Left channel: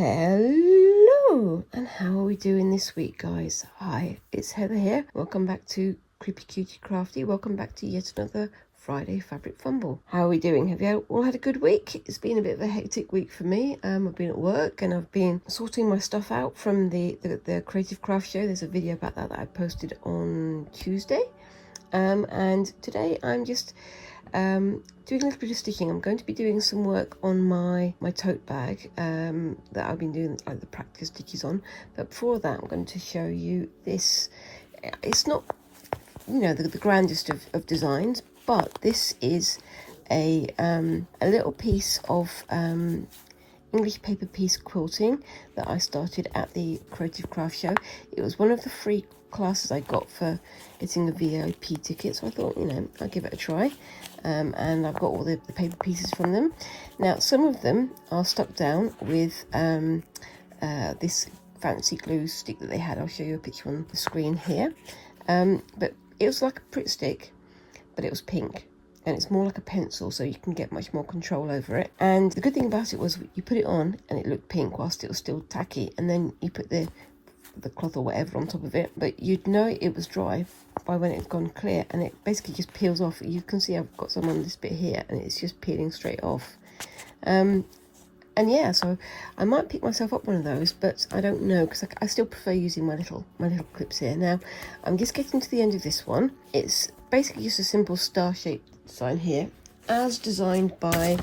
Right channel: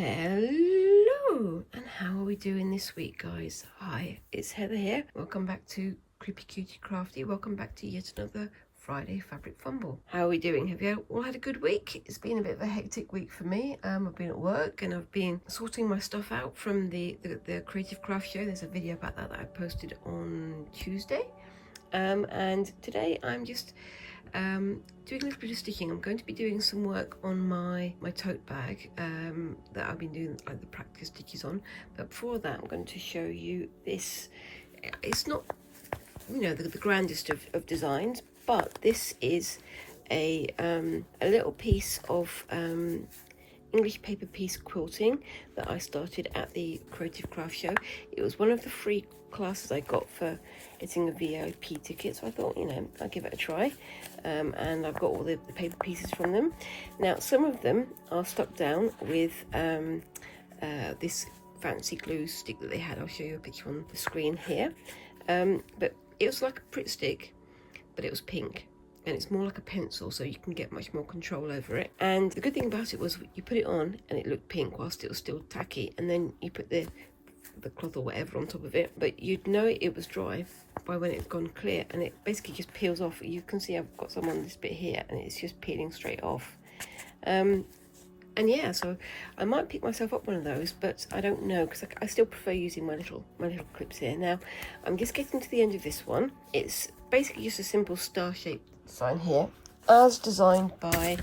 Hello, and how are we doing this week, guys? Hi, it's Heather here. Welcome back to Creepy Cutie Crafty. Welcome back to yet another Friday Fabric Fumble. How are we doing? Have you all had a good week? It's been a bit of a hectic week for me. I've been at work and I've been sorting my stuff out from the Creative Craft Show. There's a video about that I posted on Tuesday. And today I'm just doing a little bit of stitching. I'm going to be doing some work on my tote bag that I've been doing the practice stitches on. But before that, I'm going to show you this. It's not, you know, the grandest of designs, but this is a little piece of English paper piece quilting that I started at the Creative Craft Show. It was one of the free classes I got for getting a VIP ticket, so I thought, you know, I'll give it a try. And I've got all the paper pieces from them. Now, some of them are stuck down with this fancy glue stick that they had. I'll show you a picture on the screen here. But it was like a Pritt stick, but it was pink. And it's more like a pencil, so you can get much more control over it. And the good thing about it was you put it on and it looked pink whilst it was still tacky, and then you put the cloth or whatever on top of it, but you'd know it was dry by when it's gone clear, and it basically just peels off. You can see I've got some on this bit here and it's just peeling straight off. And yeah, so I might pick myself up one of those, but I don't know, because I still prefer using my little clips here. Now I'm just getting to the end of this one. It's basically just a simple star-shaped design here, as designed by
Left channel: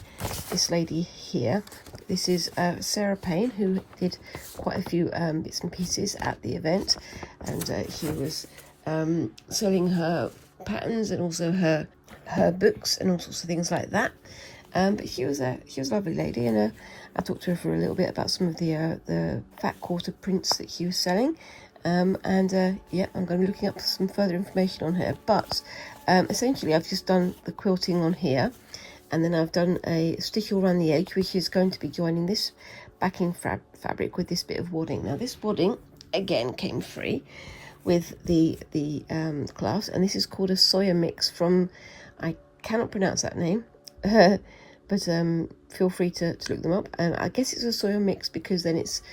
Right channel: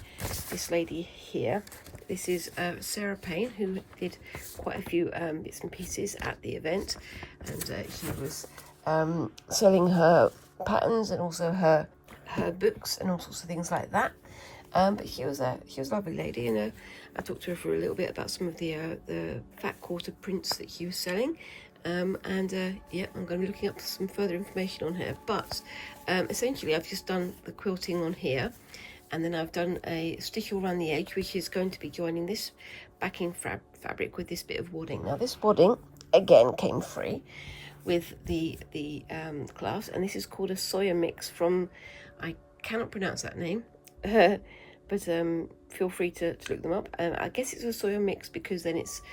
this lady here. This is Sarah Payne, who did quite a few bits and pieces at the event, and she was selling her patterns and also her books and all sorts of things like that. But she was a lovely lady, and I talked to her for a little bit about some of the fat quarter prints that she was selling. Yeah, I'm going to be looking up some further information on her. But essentially, I've just done the quilting on here, and then I've done a stitch around the edge, which is going to be joining this backing fabric with this bit of wadding. Now, this wadding again came free with the class, and this is called a soya mix from, I cannot pronounce that name, but feel free to look them up. I guess it's a soya mix because then it's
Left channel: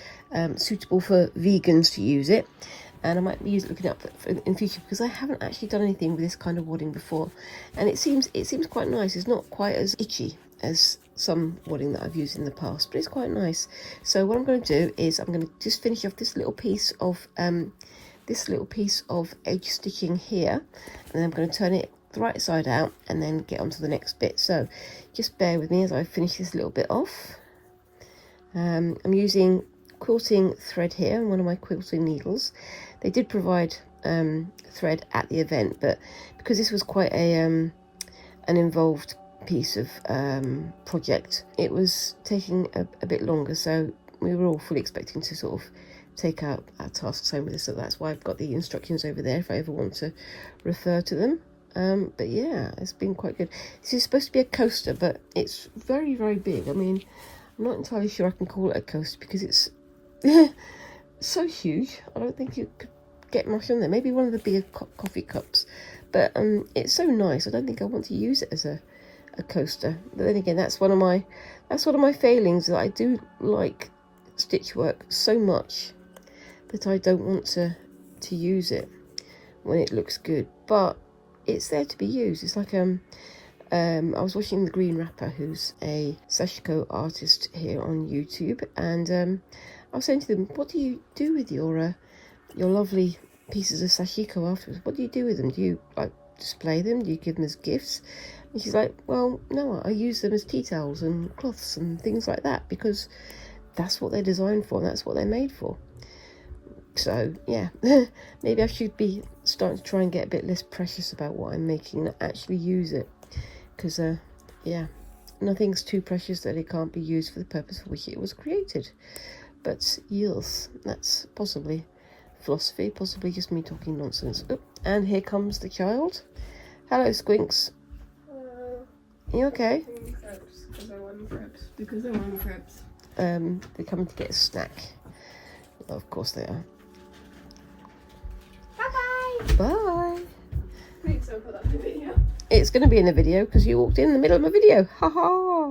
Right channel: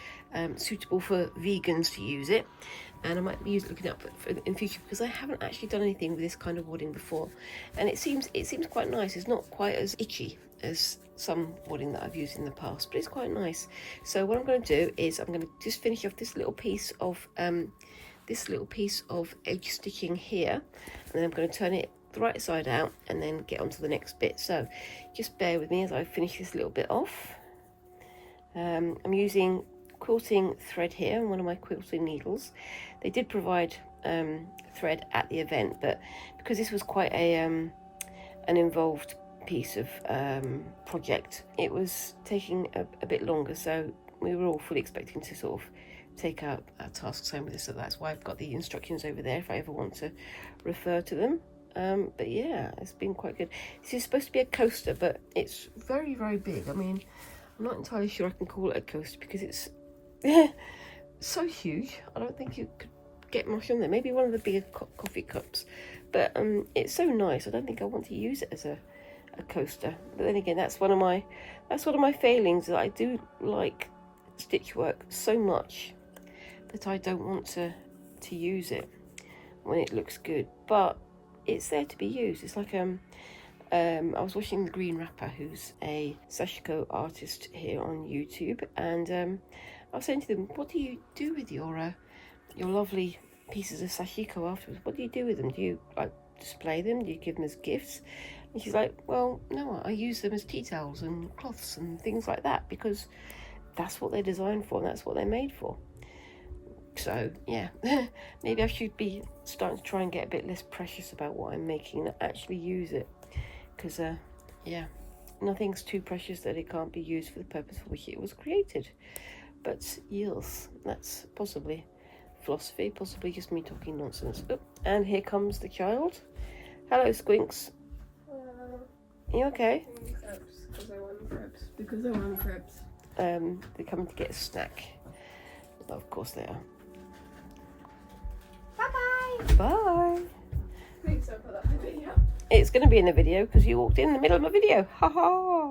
suitable for vegans to use it, and I might be looking up in future, because I haven't actually done anything with this kind of wadding before, and it seems quite nice. It's not quite as itchy as some wadding that I've used in the past, but it's quite nice. So what I'm going to do is I'm going to just finish off this little piece of edge stitching here, and then I'm going to turn it the right side out and then get on to the next bit. So just bear with me as I finish this little bit off. I'm using quilting thread here and one of my quilting needles. They did provide thread at the event, but because this was quite an involved piece of project, it was taking a bit longer, so we were all fully expecting to sort of take our tasks home with this, so that's why I've got the instructions over there if I ever want to refer to them. But yeah, it's been quite good. This is supposed to be a coaster, but it's very, very big. I mean, I'm not entirely sure I can call it a coaster because it's so huge. I don't think you could get much on there. Maybe one of the bigger coffee cups, but it's so nice. I don't think I want to use it as a coaster. But then again, that's one of my failings, that I do like stitch work so much that I don't want to use it when it looks good, but it's there to be used. It's like I was watching the Green Rapper, who's a sashiko artist here on YouTube, and I was saying to them, what do you do with your lovely pieces of sashiko afterwards? What do you do with them? Do you like display them? Do you give them as gifts? And she's like, well, no, I use them as tea towels and cloths and things like that, because that's what they're designed for and that's what they're made for. So yeah, maybe I should be starting to try and get a bit less precious about what I'm making and actually use it, because yeah, nothing's too precious that it can't be used for the purpose for which it was created. But yes, that's possibly philosophy, possibly just me talking nonsense. Oh, and here comes the child. Hello, Squinks. You okay? Because I want crabs. They're coming to get a snack. Of course they are. Bye-bye. Bye. Please don't put that in the video. It's going to be in the video because you walked in the middle of my video. Ha ha.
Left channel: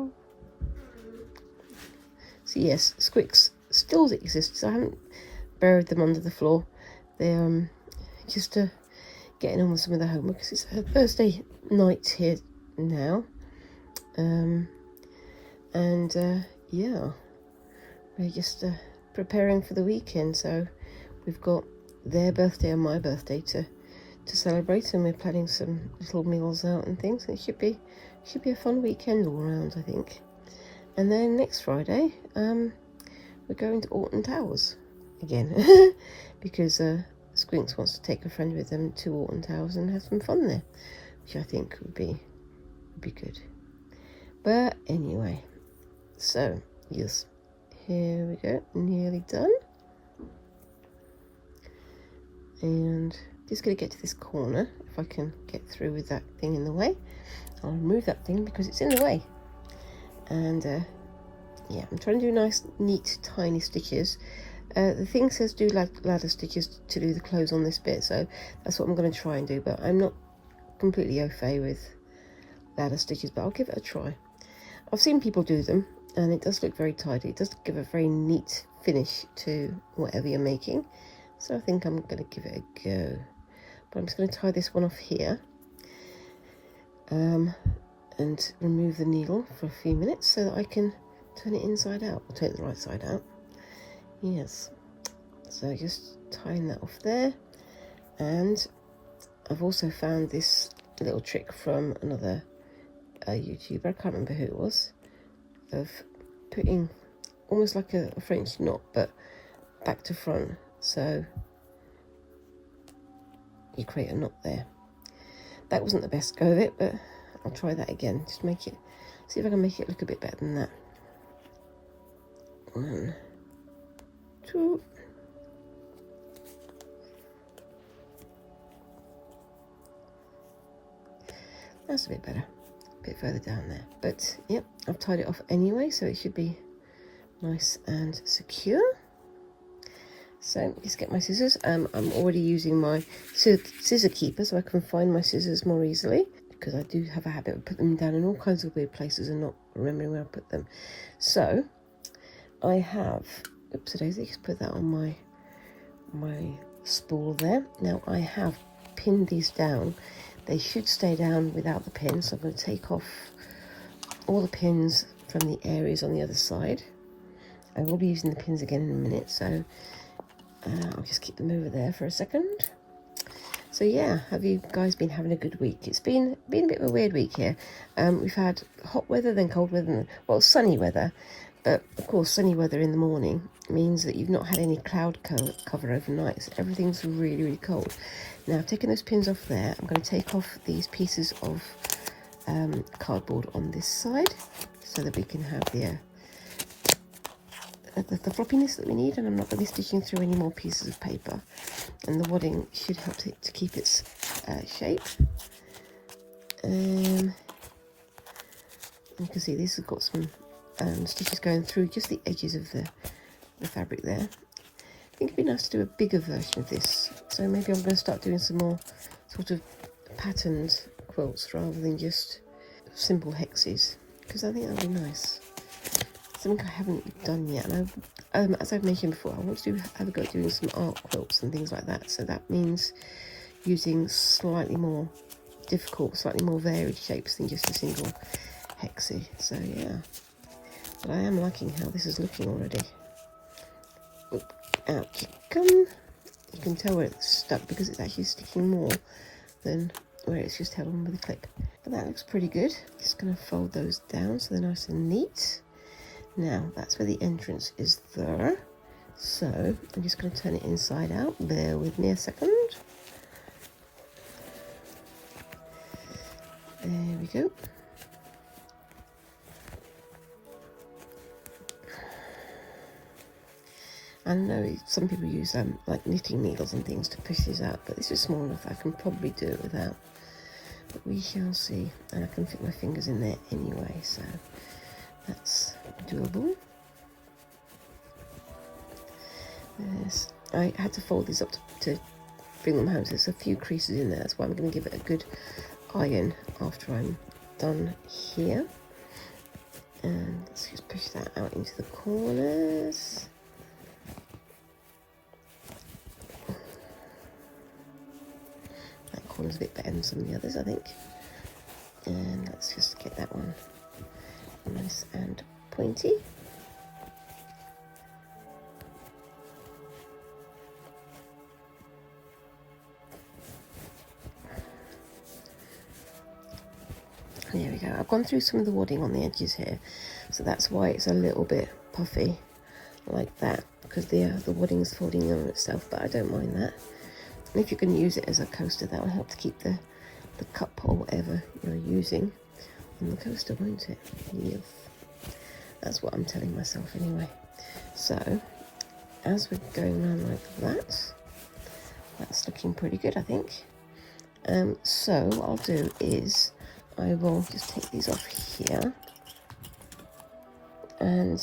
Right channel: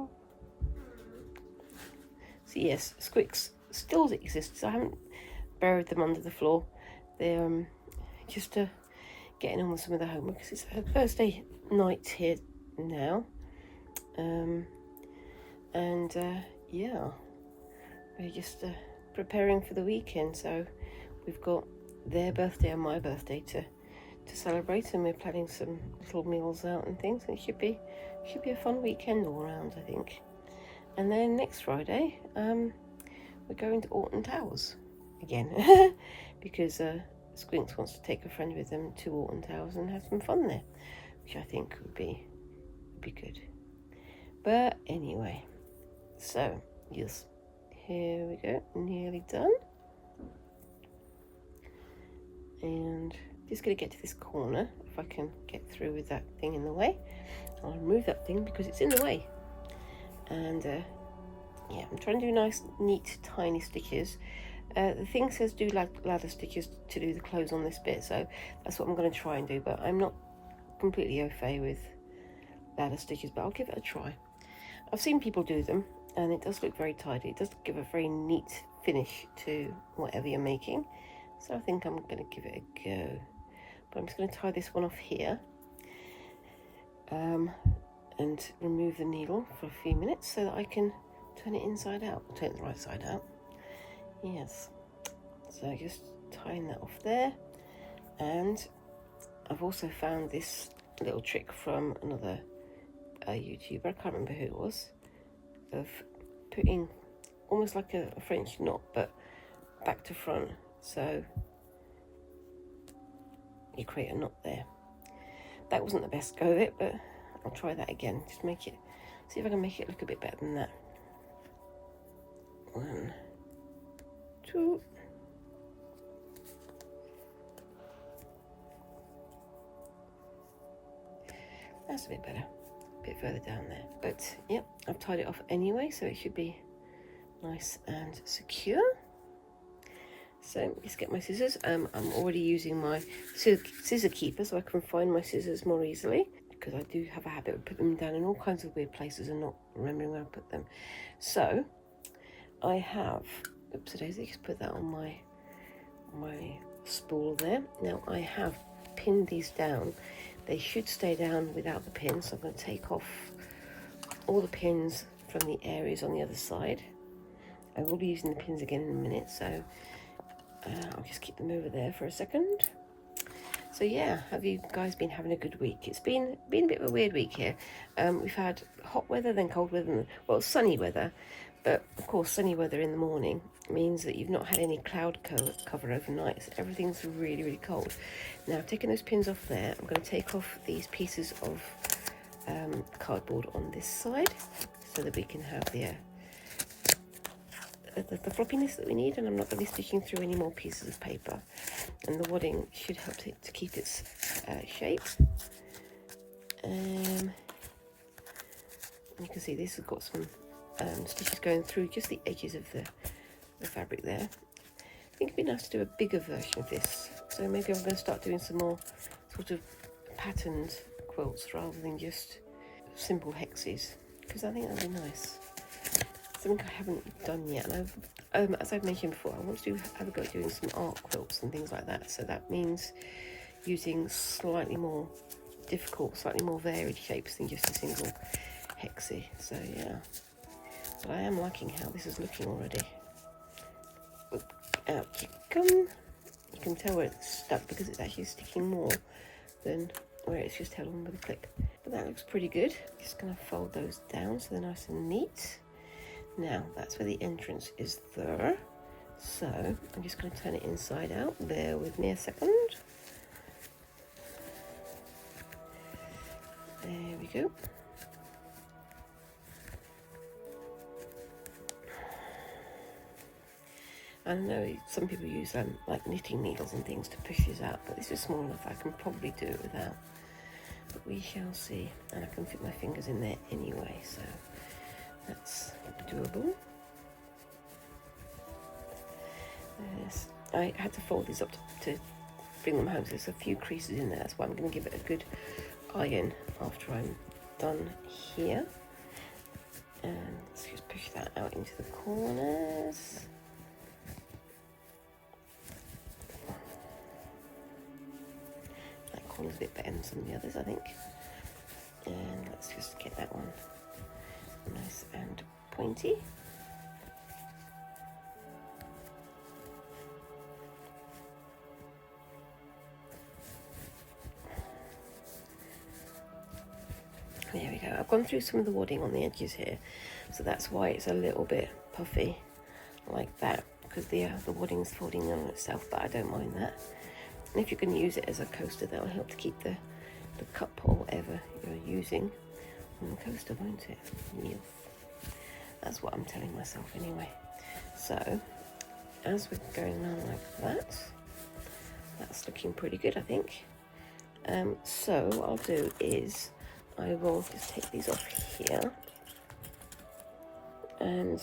So yes, Squinks still exist, so I haven't buried them under the floor. They're just getting on with some of the homework because it's Thursday night here now. Yeah, we're just preparing for the weekend, so we've got their birthday and my birthday to celebrate, and we're planning some little meals out and things. It should be a fun weekend all around, I think. And then next Friday we're going to Alton Towers again because Squinks wants to take a friend with them to Alton Towers and have some fun there, which I think would be good. But anyway, so yes, here we go, nearly done. And just going to get to this corner. If I can get through with that thing in the way, I'll remove that thing because it's in the way. And yeah, I'm trying to do nice, neat, tiny stitches. The thing says do ladder stitches to do the clothes on this bit, so that's what I'm going to try and do, but I'm not completely au fait with ladder stitches, but I'll give it a try. I've seen people do them and it does look very tidy. It does give a very neat finish to whatever you're making, so I think I'm going to give it a go. But I'm just going to tie this one off here and remove the needle for a few minutes so that I can turn it inside out, or turn it the right side out. Yes, so just tying that off there. And I've also found this little trick from another YouTuber, I can't remember who it was, of putting almost like a French knot but back to front, so you create a knot there. That wasn't the best go of it, but I'll try that again. Just make it, see if I can make it look a bit better than that. 1, 2. That's a bit better, a bit further down there. But yep, I've tied it off anyway, so it should be nice and secure. So just get my scissors. I'm already using my scissor keeper so I can find my scissors more easily, because I do have a habit of putting them down in all kinds of weird places and not remembering where I put them. So I have, oops, I just put that on my spool there. Now I have pinned these down. They should stay down without the pins, so I'm going to take off all the pins from the areas on the other side. I will be using the pins again in a minute, so I'll just keep them over there for a second. So yeah, have you guys been having a good week? It's been a bit of a weird week here. We've had hot weather, then cold weather, and, well, sunny weather. But of course, sunny weather in the morning means that you've not had any cloud cover overnight, so everything's really, really cold. Now, I've taken those pins off there. I'm going to take off these pieces of cardboard on this side so that we can have the floppiness that we need, and I'm not going to be stitching through any more pieces of paper, and the wadding should help it to keep its shape. You can see this has got some stitches going through just the edges of the fabric there. I think it'd be nice to do a bigger version of this, so maybe I'm going to start doing some more sort of patterned quilts rather than just simple hexes, because I think that'd be nice. Something I haven't done yet, and as I've mentioned before, I want to have a go at doing some art quilts and things like that, so that means using slightly more difficult, slightly more varied shapes than just a single hexie. So yeah, but I am liking how this is looking already. Oop, out you come. You can tell where it's stuck because it's actually sticking more than where it's just held on with a clip. But that looks pretty good. Just going to fold those down so they're nice and neat. Now that's where the entrance is there, so I'm just going to turn it inside out. Bear with me a second. There we go. I know some people use like knitting needles and things to push these out, but this is small enough I can probably do it without, but we shall see. And I can fit my fingers in there anyway, so that's doable. I had to fold these up to bring them home, so there's a few creases in there. That's why I'm going to give it a good iron after I'm done here. And let's just push that out into the corners. one's a bit better than some of the others, I think. And let's just get that one nice and pointy. There we go. I've gone through some of the wadding on the edges here, so that's why it's a little bit puffy like that, because the wadding's folding on itself, but I don't mind that. And if you can use it as a coaster, that will help to keep the cup or whatever you're using on the coaster, won't it? Yes. That's what I'm telling myself anyway. So as we're going on like that, that's looking pretty good, I think. So what I'll do is I will just take these off here, and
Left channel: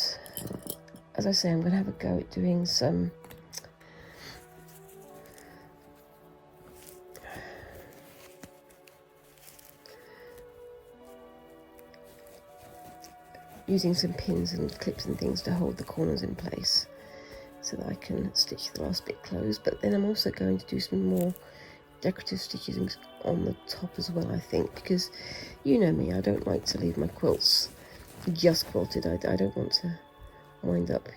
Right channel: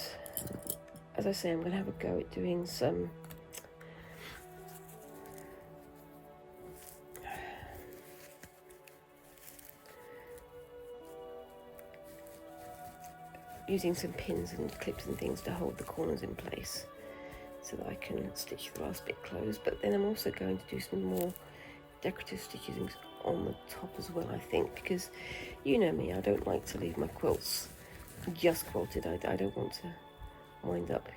as I say, I'm going to have a go at doing some using some pins and clips and things to hold the corners in place so that I can stitch the last bit closed. But then I'm also going to do some more decorative stitching on the top as well, I think, because you know me, I don't like to leave my quilts just quilted. I don't want to wind up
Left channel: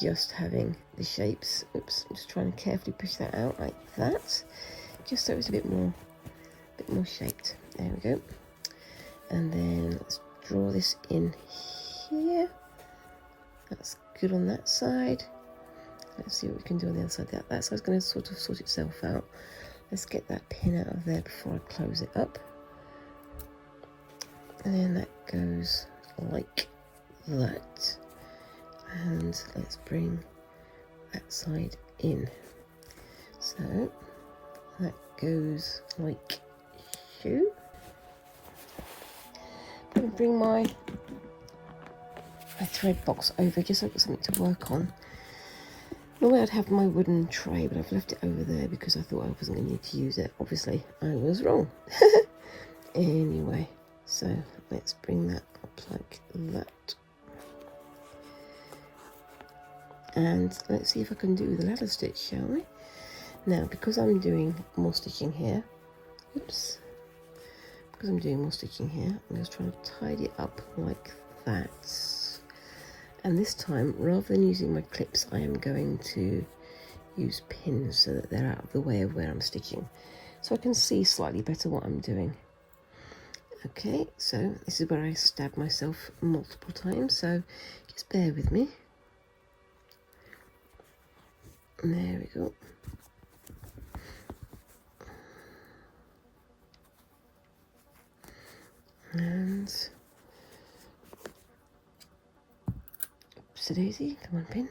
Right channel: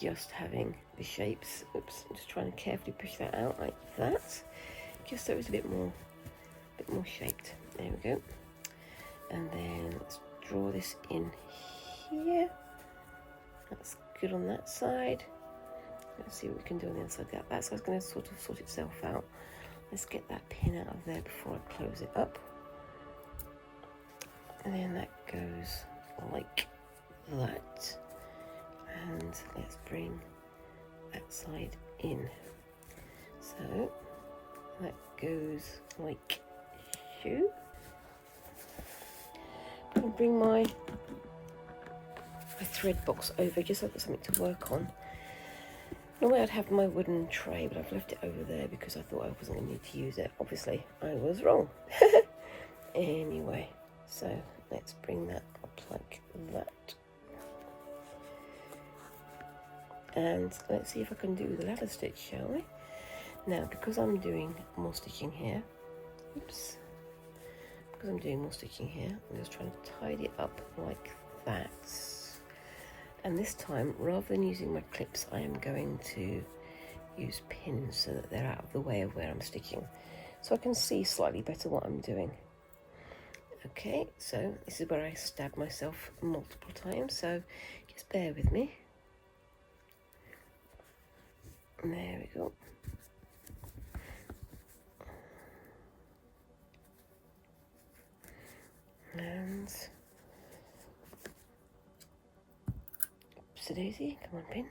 just having the shapes. Oops, I'm just trying to carefully push that out like that, just so it's a bit more shaped. There we go. And then let's draw this in here. That's good on that side. Let's see what we can do on the other side. That side's going to sort of sort itself out. Let's get that pin out of there before I close it up. And then that goes like that. And let's bring that side in. So that goes like so. I'm going to bring my thread box over just so I've got something to work on. Normally I'd have my wooden tray, but I've left it over there because I thought I wasn't going to need to use it. Obviously, I was wrong. Anyway, so let's bring that up like that. And let's see if I can do the ladder stitch, shall we? Now, because I'm doing more stitching here, oops, because I'm doing more stitching here, I'm just trying to tidy it up like that. And this time, rather than using my clips, I am going to use pins so that they're out of the way of where I'm stitching, so I can see slightly better what I'm doing. Okay, so this is where I stabbed myself multiple times, so just bear with me. And there we go. And oopsie-daisy, come on, pin.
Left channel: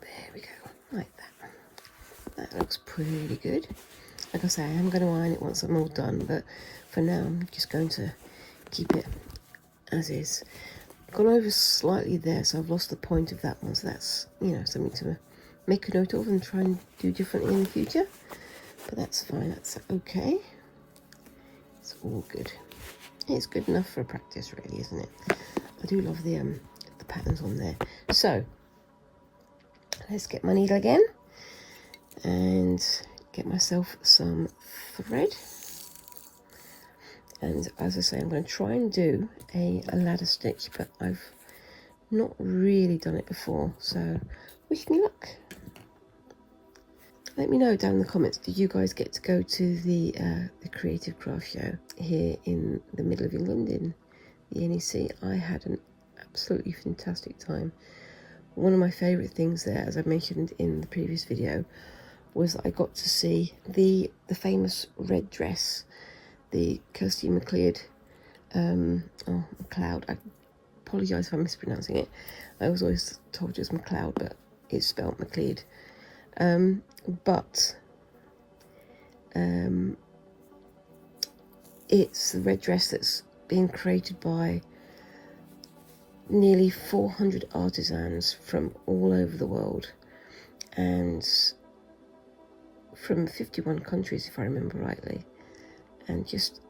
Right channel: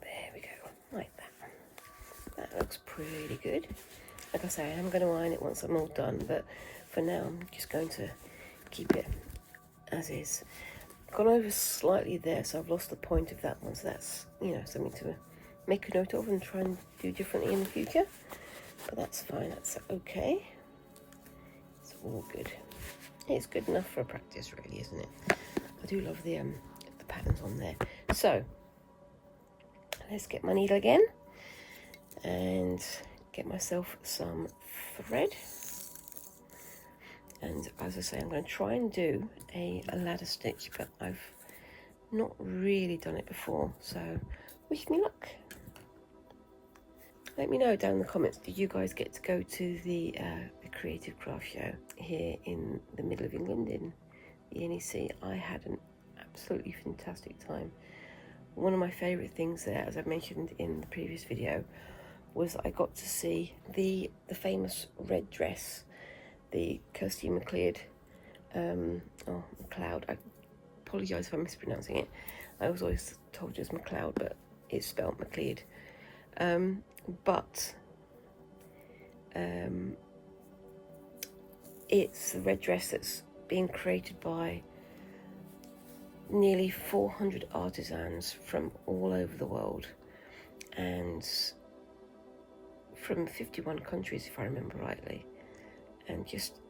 There we go, like that. That looks pretty good. Like I say, I am going to iron it once I'm all done, but for now I'm just going to keep it as is. I've gone over slightly there, so I've lost the point of that one, so that's, you know, something to make a note of and try and do differently in the future. But that's fine, that's okay. It's all good. It's good enough for a practice, really, isn't it? I do love the patterns on there. So let's get my needle again and get myself some thread. And as I say, I'm going to try and do a ladder stitch, but I've not really done it before, so wish me luck. Let me know down in the comments, did you guys get to go to the Creative Craft Show here in the middle of England in the NEC? I had an absolutely fantastic time. One of my favourite things there, as I mentioned in the previous video, was that I got to see the famous red dress, the Kirsty MacLeod, MacLeod. I apologise if I'm mispronouncing it. I was always told it was MacLeod, but it's spelled MacLeod. It's the red dress that's being created by nearly 400 artisans from all over the world and from 51 countries, if I remember rightly, and just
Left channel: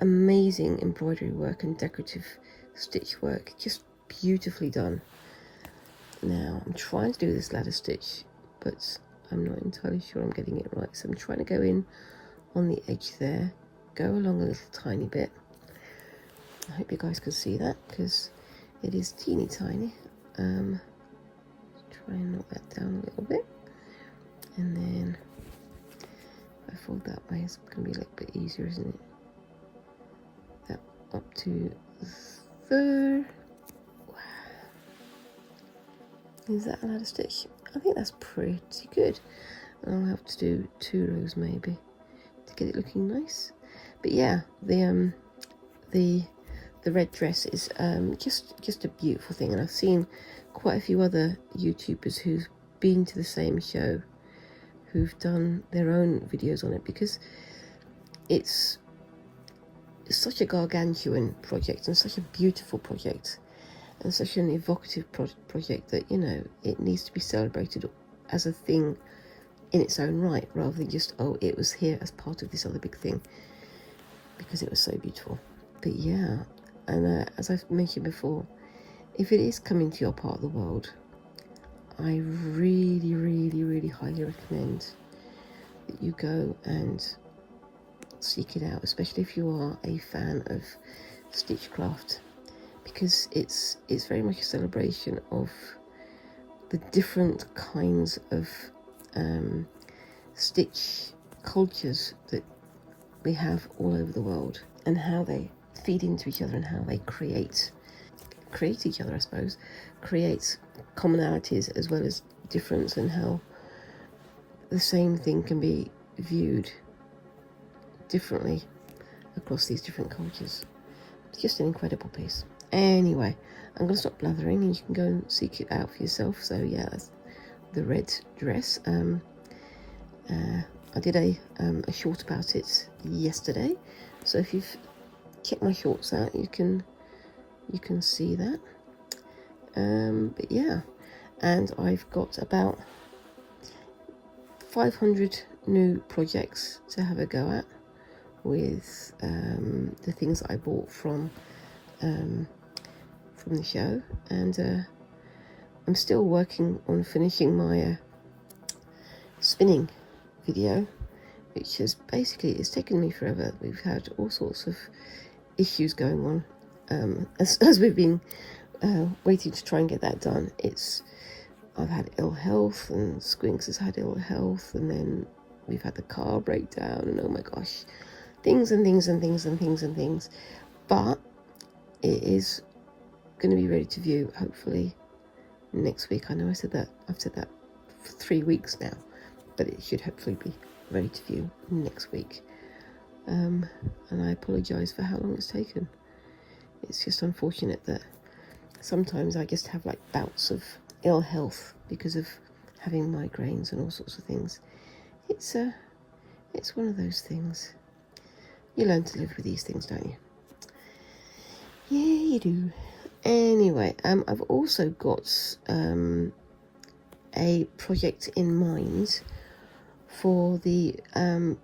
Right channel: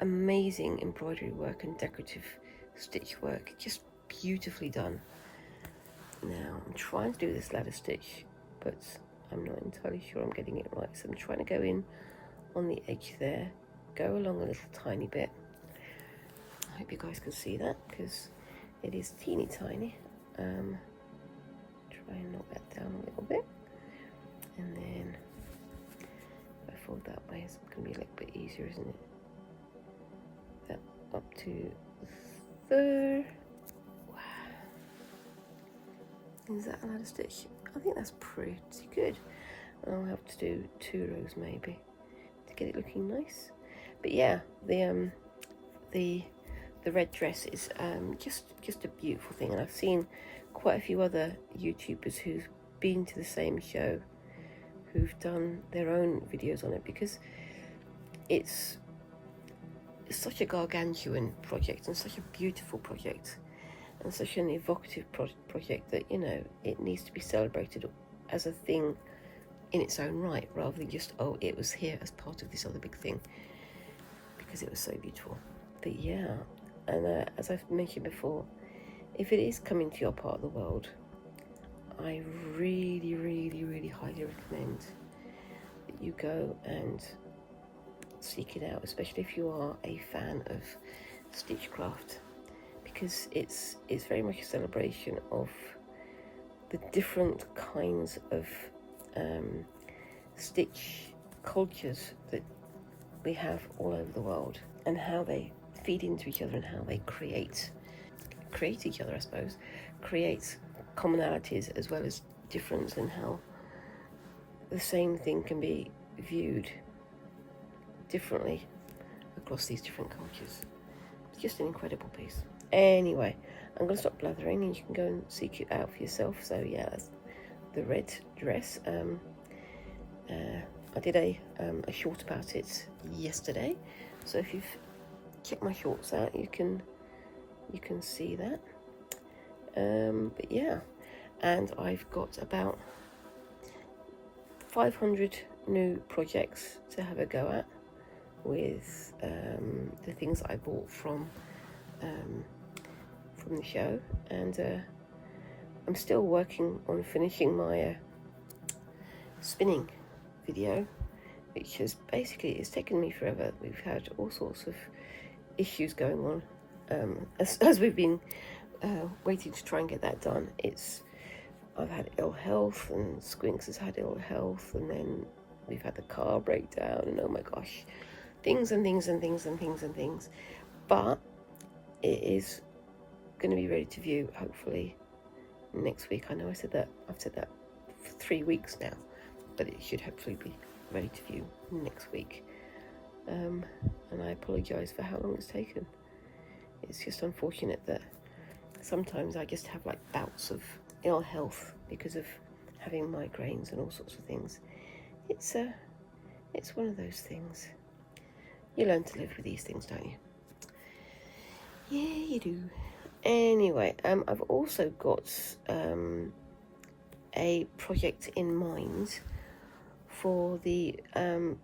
amazing embroidery work and decorative stitch work, just beautifully done. Now I'm trying to do this ladder stitch, but I'm not entirely sure I'm getting it right. So I'm trying to go in on the edge there, go along a little tiny bit. I hope you guys can see that because it is teeny tiny. Try and knock that down a little bit, and then if I fold that way, it's going to be a little bit easier, isn't it? That up to there. Is that a ladder stitch? I think that's pretty good. I'll have to do 2 rows maybe to get it looking nice. But yeah, the red dress is just a beautiful thing, and I've seen quite a few other YouTubers who've been to the same show who've done their own videos on it, because it's such a gargantuan project and such a beautiful project and such an evocative project that, you know, it needs to be celebrated as a thing in its own right, rather than just, oh, it was here as part of this other big thing, because it was so beautiful. But yeah, and as I've mentioned before, if it is coming to your part of the world, I really, really, really highly recommend that you go and seek it out, especially if you are a fan of stitchcraft, because it's very much a celebration of the different kinds of stitch cultures that we have all over the world, and how they feed into each other and how they create each other, I suppose, creates commonalities as well as difference, and how the same thing can be viewed differently across these different cultures. It's just an incredible piece. Anyway, I'm going to stop blathering and you can go and seek it out for yourself. So yeah, that's the red dress. I did a short about it yesterday, so if you've checked my shorts out, you can see that. But yeah, and I've got about 500 new projects to have a go at with the things that I bought from the show, and I'm still working on finishing my spinning video, which is basically, it's taken me forever. We've had all sorts of issues going on as we've been waiting to try and get that done. I've had ill health, and Squinks has had ill health, and then we've had the car breakdown, and oh my gosh, things and things and things and things and things. But it is going to be ready to view hopefully next week. I know I've said that for 3 weeks now, but it should hopefully be ready to view next week. And I apologise for how long it's taken. It's just unfortunate that sometimes I just have like bouts of ill health because of having migraines and all sorts of things. It's one of those things. You learn to live with these things, don't you? Yeah, you do. Anyway, I've also got a project in mind for the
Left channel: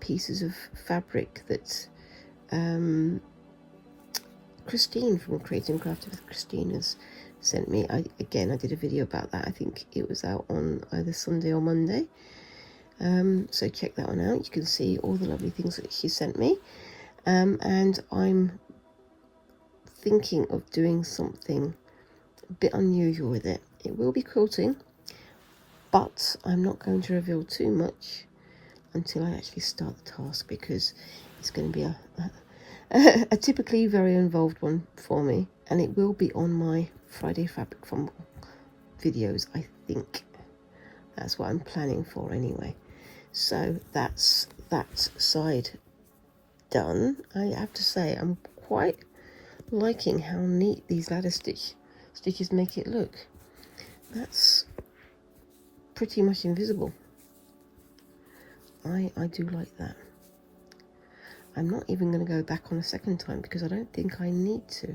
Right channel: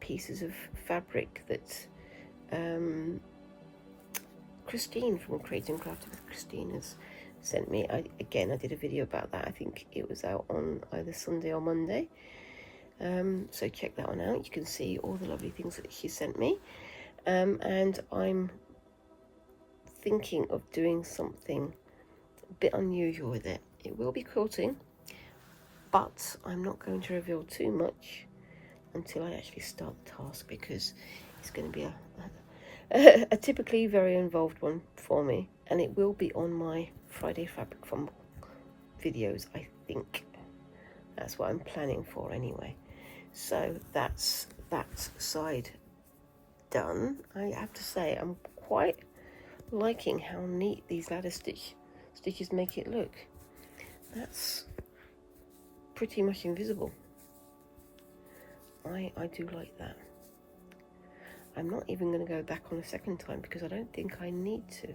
pieces of fabric that Christine from Creating and Crafting with Christine has sent me. I did a video about that. I think it was out on either Sunday or Monday. So check that one out. You can see all the lovely things that she sent me. And I'm thinking of doing something a bit unusual with it. It will be quilting, but I'm not going to reveal too much until I actually start the task, because it's going to be a typically very involved one for me, and it will be on my Friday Fabric Fumble videos, I think. That's what I'm planning for anyway. So that's that side done. I have to say, I'm quite liking how neat these ladder stitches make it look. That's pretty much invisible. I do like that. I'm not even going to go back on a second time because I don't think I need to.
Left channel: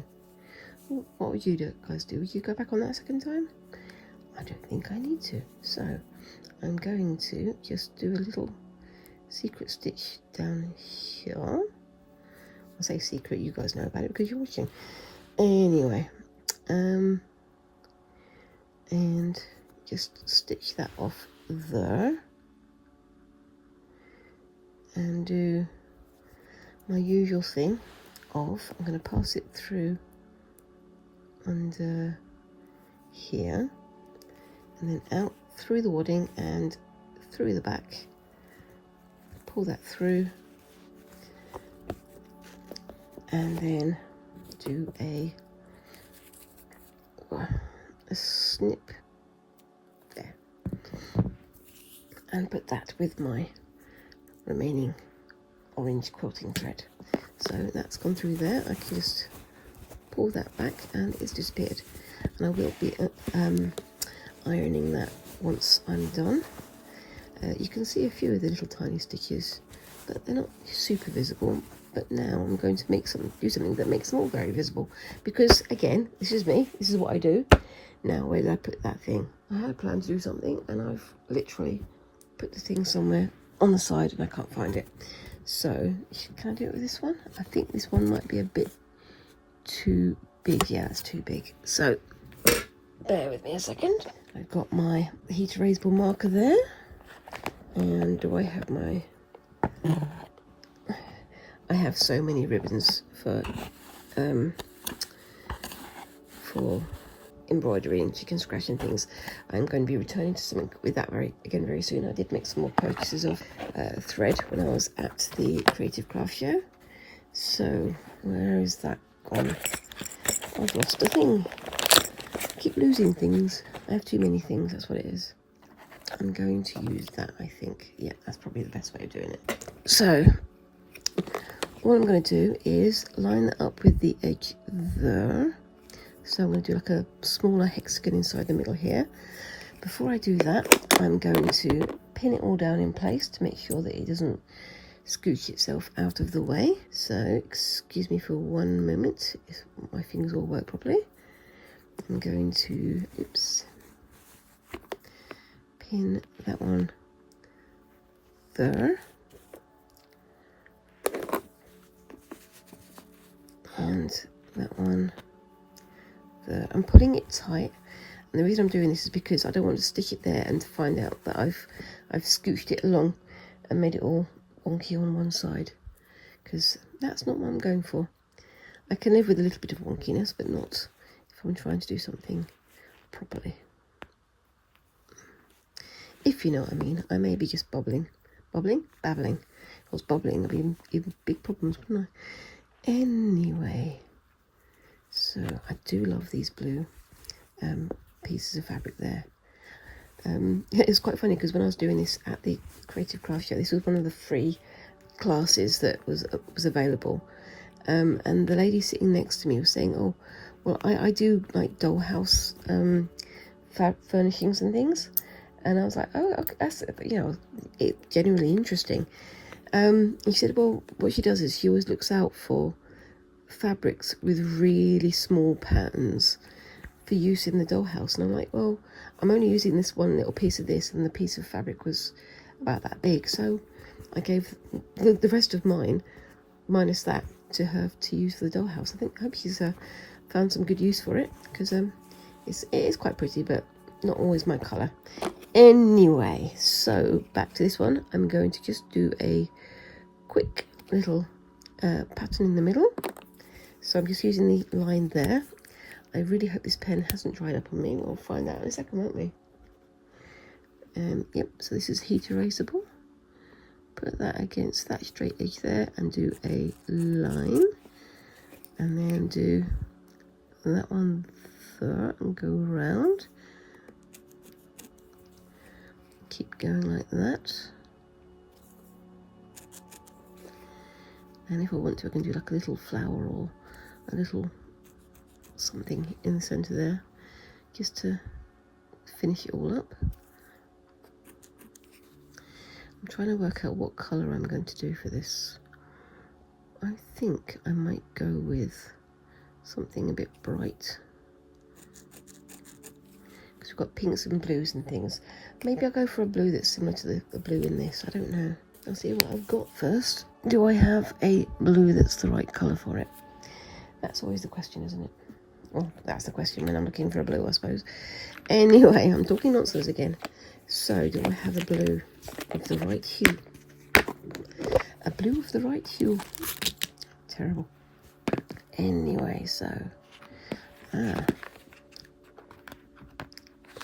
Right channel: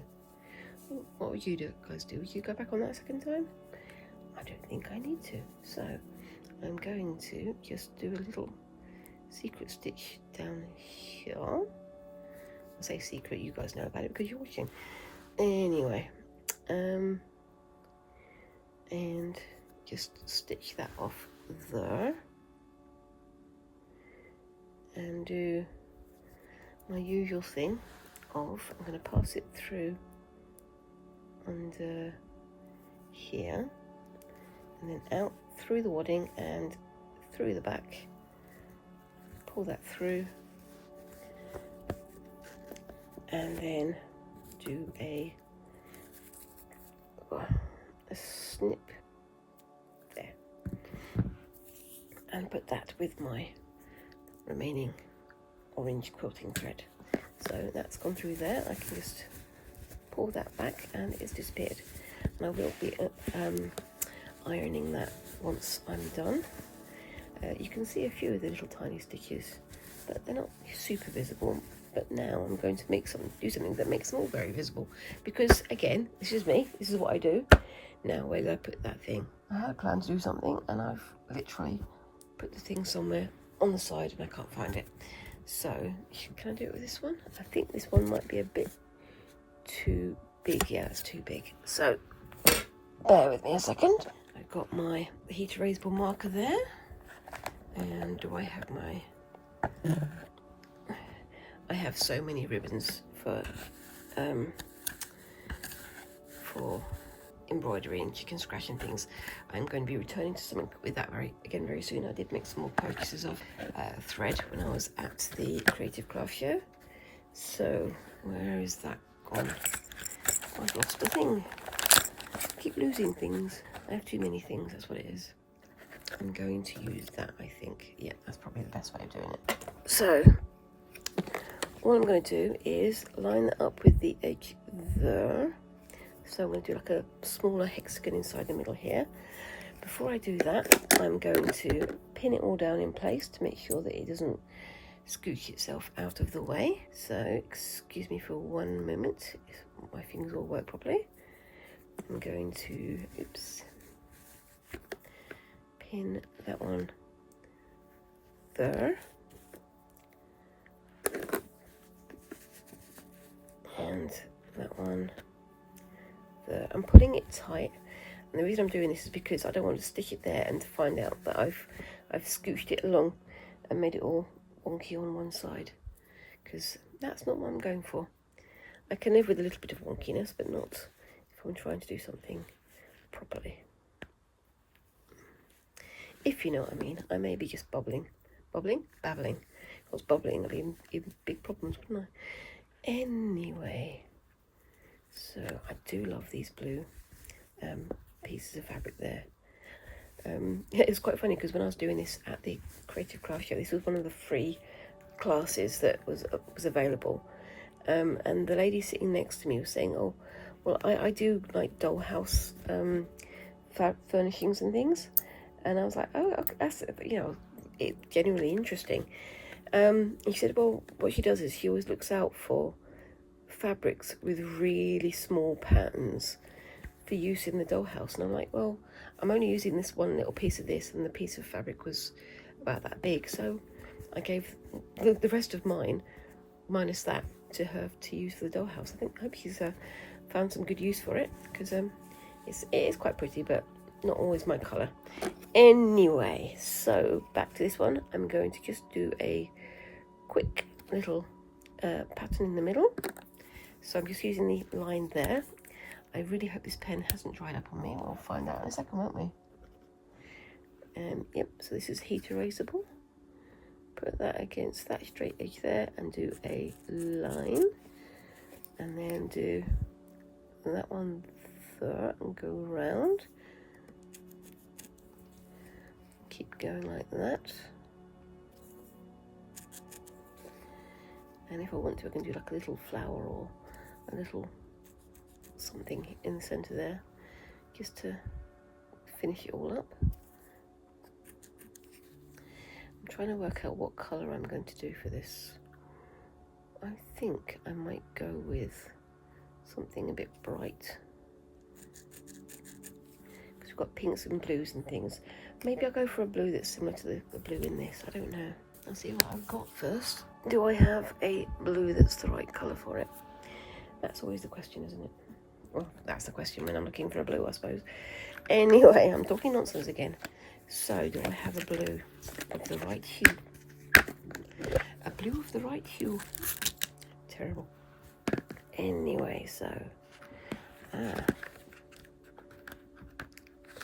What would you guys do? Would you go back on that second time? I don't think I need to. So I'm going to just do a little secret stitch down here. I say secret, you guys know about it because you're watching. Anyway, and just stitch that off there and do my usual thing of, I'm going to pass it through under here and then out through the wadding and through the back, pull that through and then do a snip there and put that with my remaining orange quilting thread. So that's gone through there. I can just pull that back and it's disappeared, and I will be ironing that once I'm done. You can see a few of the little tiny stitches, but they're not super visible. But now I'm going to do something that makes them all very visible, because again, this is me, this is what I do. Now where did I put that thing? I had a plan to do something and I've literally put the thing somewhere on the side and I can't find it. So can I do it with this one? I think this one might be a bit too big. Yeah, it's too big. So bear with me a second. I've got my heat erasable marker there, and do I have my I have so many ribbons for embroidery and chicken scratch and things. I'm going to be returning to something with that very soon. I did make some more purchases of thread when I was at the Creative Craft Show. So where is that gone? I've lost a thing. I keep losing things. I have too many things, that's what it is. I'm going to use that, I think. Yeah, that's probably the best way of doing it. So what I'm going to do is line that up with the edge there. So I'm going to do like a smaller hexagon inside the middle here. Before I do that, I'm going to pin it all down in place to make sure that it doesn't scooch itself out of the way. So excuse me for one moment if my fingers will work properly. I'm going to, pin that one there. And that one there. I'm putting it tight, and the reason I'm doing this is because I don't want to stick it there and find out that I've scooched it along and made it all wonky on one side, because that's not what I'm going for. I can live with a little bit of wonkiness, but not if I'm trying to do something properly. If you know what I mean. I may be just babbling. If I was babbling, there'd be even big problems, wouldn't I? Anyway, so I do love these blue pieces of fabric there. It's quite funny because when I was doing this at the Creative Craft Show, this was one of the free classes that was available, and the lady sitting next to me was saying, "Oh, well, I do like dollhouse furnishings and things," and I was like, "Oh, okay, that's, you know, it's genuinely interesting." He said, "Well, what she does is she always looks out for fabrics with really small patterns for use in the dollhouse." And I'm like, well, I'm only using this one little piece of this, and the piece of fabric was about that big, so I gave the rest of mine, minus that, to her to use for the dollhouse. I hope she's found some good use for it, because it is quite pretty, but not always my colour. Anyway, so back to this one. I'm going to just do a quick little pattern in the middle. So I'm just using the line there. I really hope this pen hasn't dried up on me. We'll find out in a second, won't we? Yep, so this is heat erasable. Put that against that straight edge there and do a line. And then do that one there and go round. Keep going like that. And if I want to, I can do like a little flower or a little something in the centre there, just to finish it all up. I'm trying to work out what colour I'm going to do for this. I think I might go with something a bit bright, because we've got pinks and blues and things. Maybe I'll go for a blue that's similar to the blue in this. I don't know. I'll see what I've got first. Do I have a blue that's the right colour for it? That's always the question, isn't it? Well, that's the question when I'm looking for a blue, I suppose. Anyway, I'm talking nonsense again. So, do I have a blue of the right hue? A blue of the right hue. Terrible. Anyway, so...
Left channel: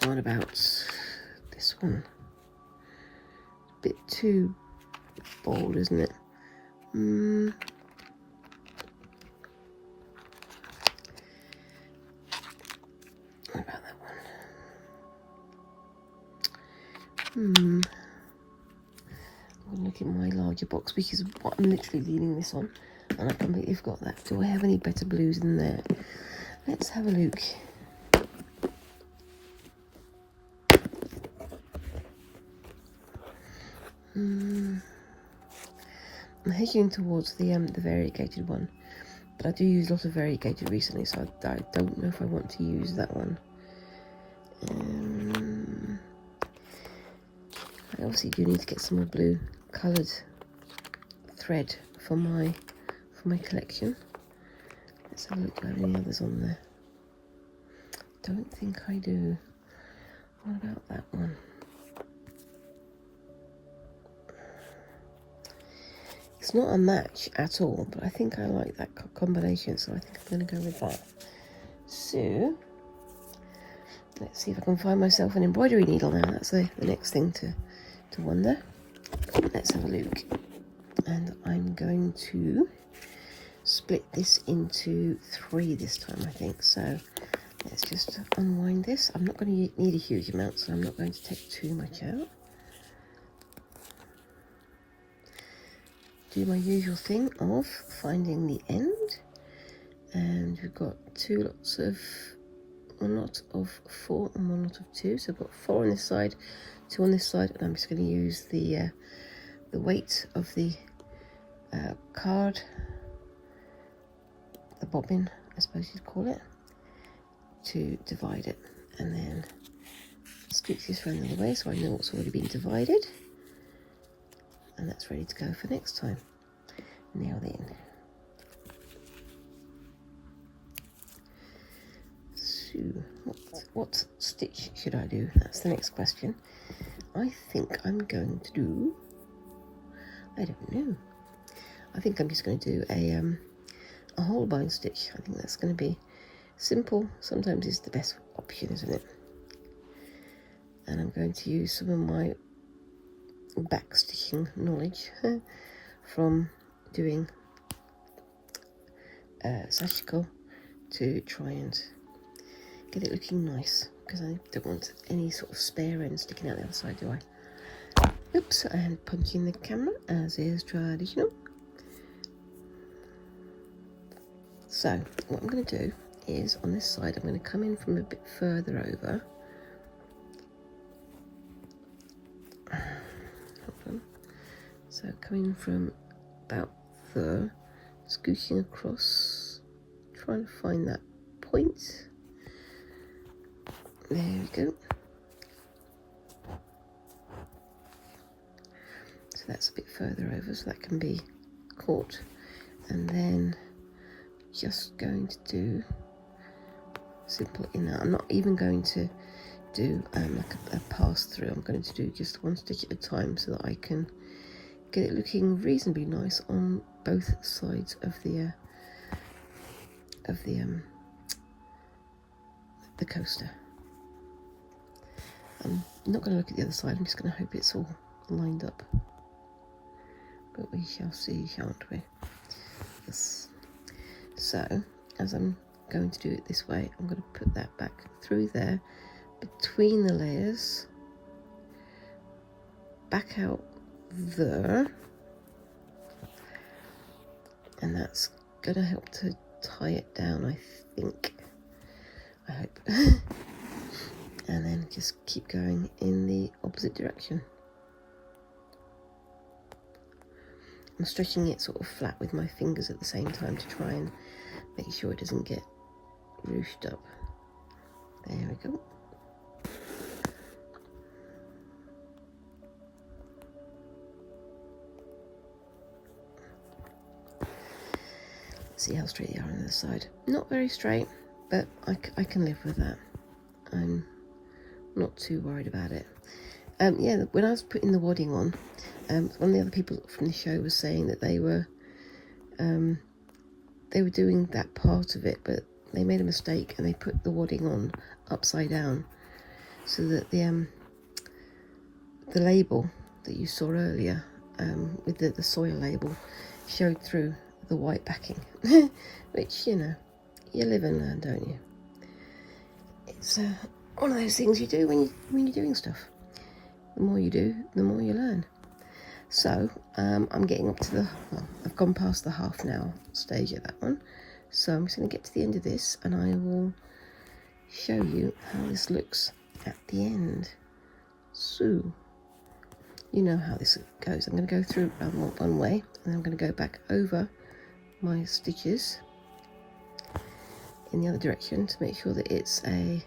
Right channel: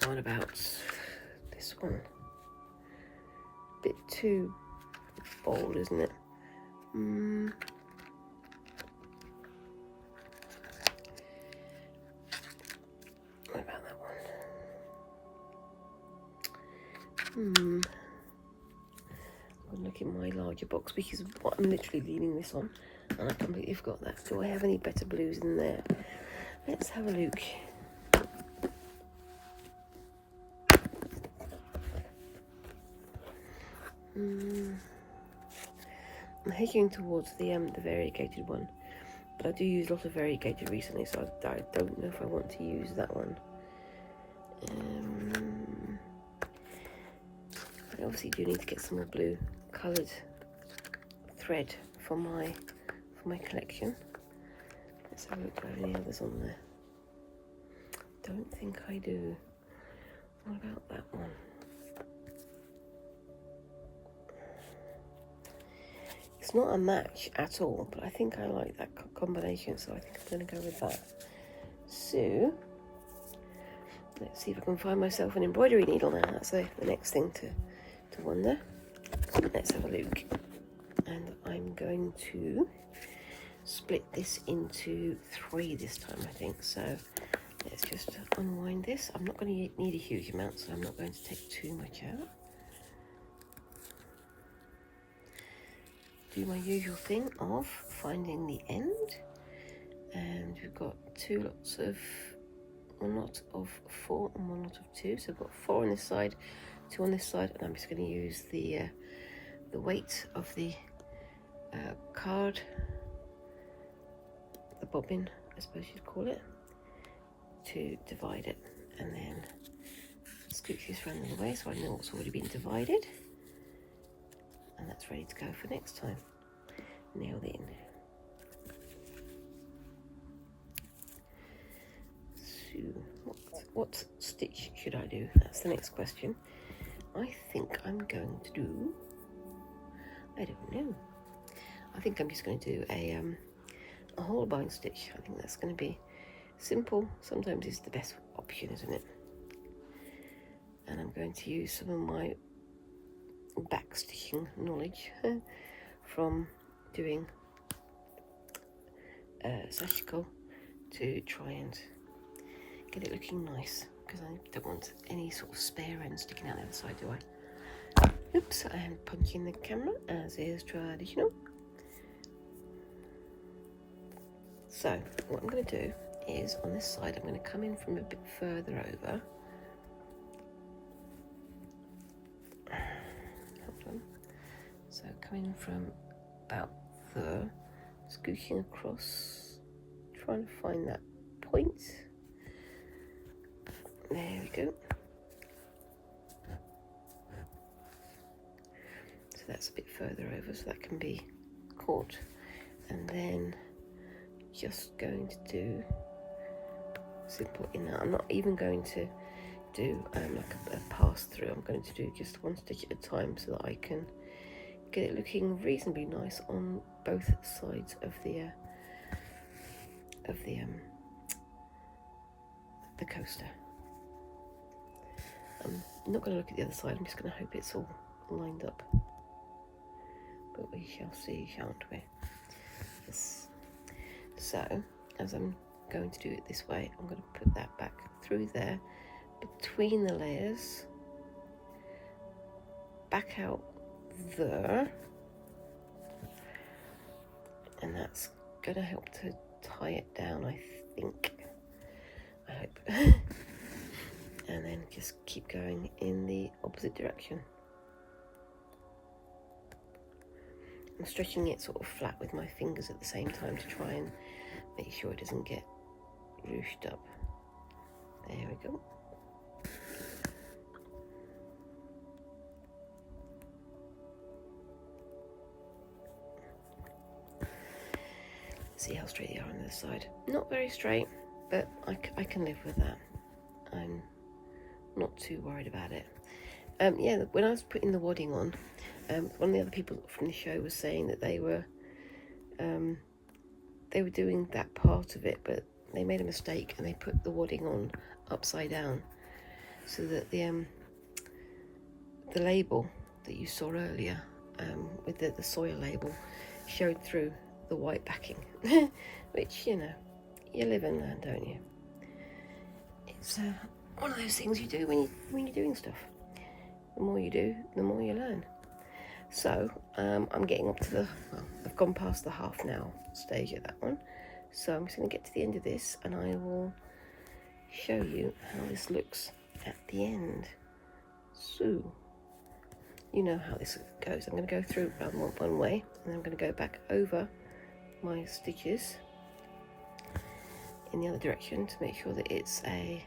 what about this one? A bit too bold, isn't it? What about that one? I'll look in my larger box because I'm literally leaning this on and I completely forgot that. Do I have any better blues than there? Let's have a look. I'm hedging towards the variegated one, but I do use a lot of variegated recently, so I don't know if I want to use that one. I obviously do need to get some more blue coloured thread for my collection. Let's have a look. Do I have any others on there? Don't think I do. What about that one? It's not a match at all, but I think I like that combination, so I think I'm going to go with that. So, let's see if I can find myself an embroidery needle now. That's the next thing to wonder. Let's have a look. And I'm going to split this into 3 this time, I think. So, let's just unwind this. I'm not going to need a huge amount, so I'm not going to take too much out. Do my usual thing of finding the end, and we've got 1 lot of 4 and 1 lot of 2, so I've got 4 on this side, 2 on this side, and I'm just going to use the weight of the card, the bobbin I suppose you'd call it, to divide it, and then scooch this round the other way so I know what's already been divided. And that's ready to go for next time. Nail it in. So, what stitch should I do? That's the next question. I think I'm going to do... I don't know. I think I'm just going to do a whole bind stitch. I think that's going to be simple. Sometimes it's the best option, isn't it? And I'm going to use some of my back stitching knowledge from doing sashiko to try and get it looking nice, because I don't want any sort of spare end sticking out the other side, do I? Oops, and punching the camera as is traditional. So what I'm going to do is on this side I'm going to come in from a bit further over. So coming from about there, scooching across, trying to find that point. There we go. So that's a bit further over, so that can be caught. And then just going to do simple in that. I'm not even going to do like a pass through. I'm going to do just 1 stitch at a time so that I can get it looking reasonably nice on both sides of the coaster. I'm not going to look at the other side, I'm just going to hope it's all lined up. But we shall see, shan't we? Yes. So, as I'm going to do it this way, I'm going to put that back through there, between the layers, back out there, and that's going to help to tie it down, I think. I hope. And then just keep going in the opposite direction. I'm stretching it sort of flat with my fingers at the same time to try and make sure it doesn't get ruched up. There we go. See how straight they are on the other side. Not very straight, but I can live with that. I'm not too worried about it. Yeah, when I was putting the wadding on, one of the other people from the show was saying that they were doing that part of it, but they made a mistake and they put the wadding on upside down, so that the label that you saw earlier, with the soil label, showed through the white backing. Which, you know, you live and learn, don't you? It's one of those things you do when you're doing stuff. The more you do, the more you learn. So I'm getting up to I've gone past the half now stage of that one. So I'm just going to get to the end of this, and I will show you how this looks at the end. So you know how this goes. I'm going to go through one way, and I'm going to go back over my stitches in the other direction to make sure that it's a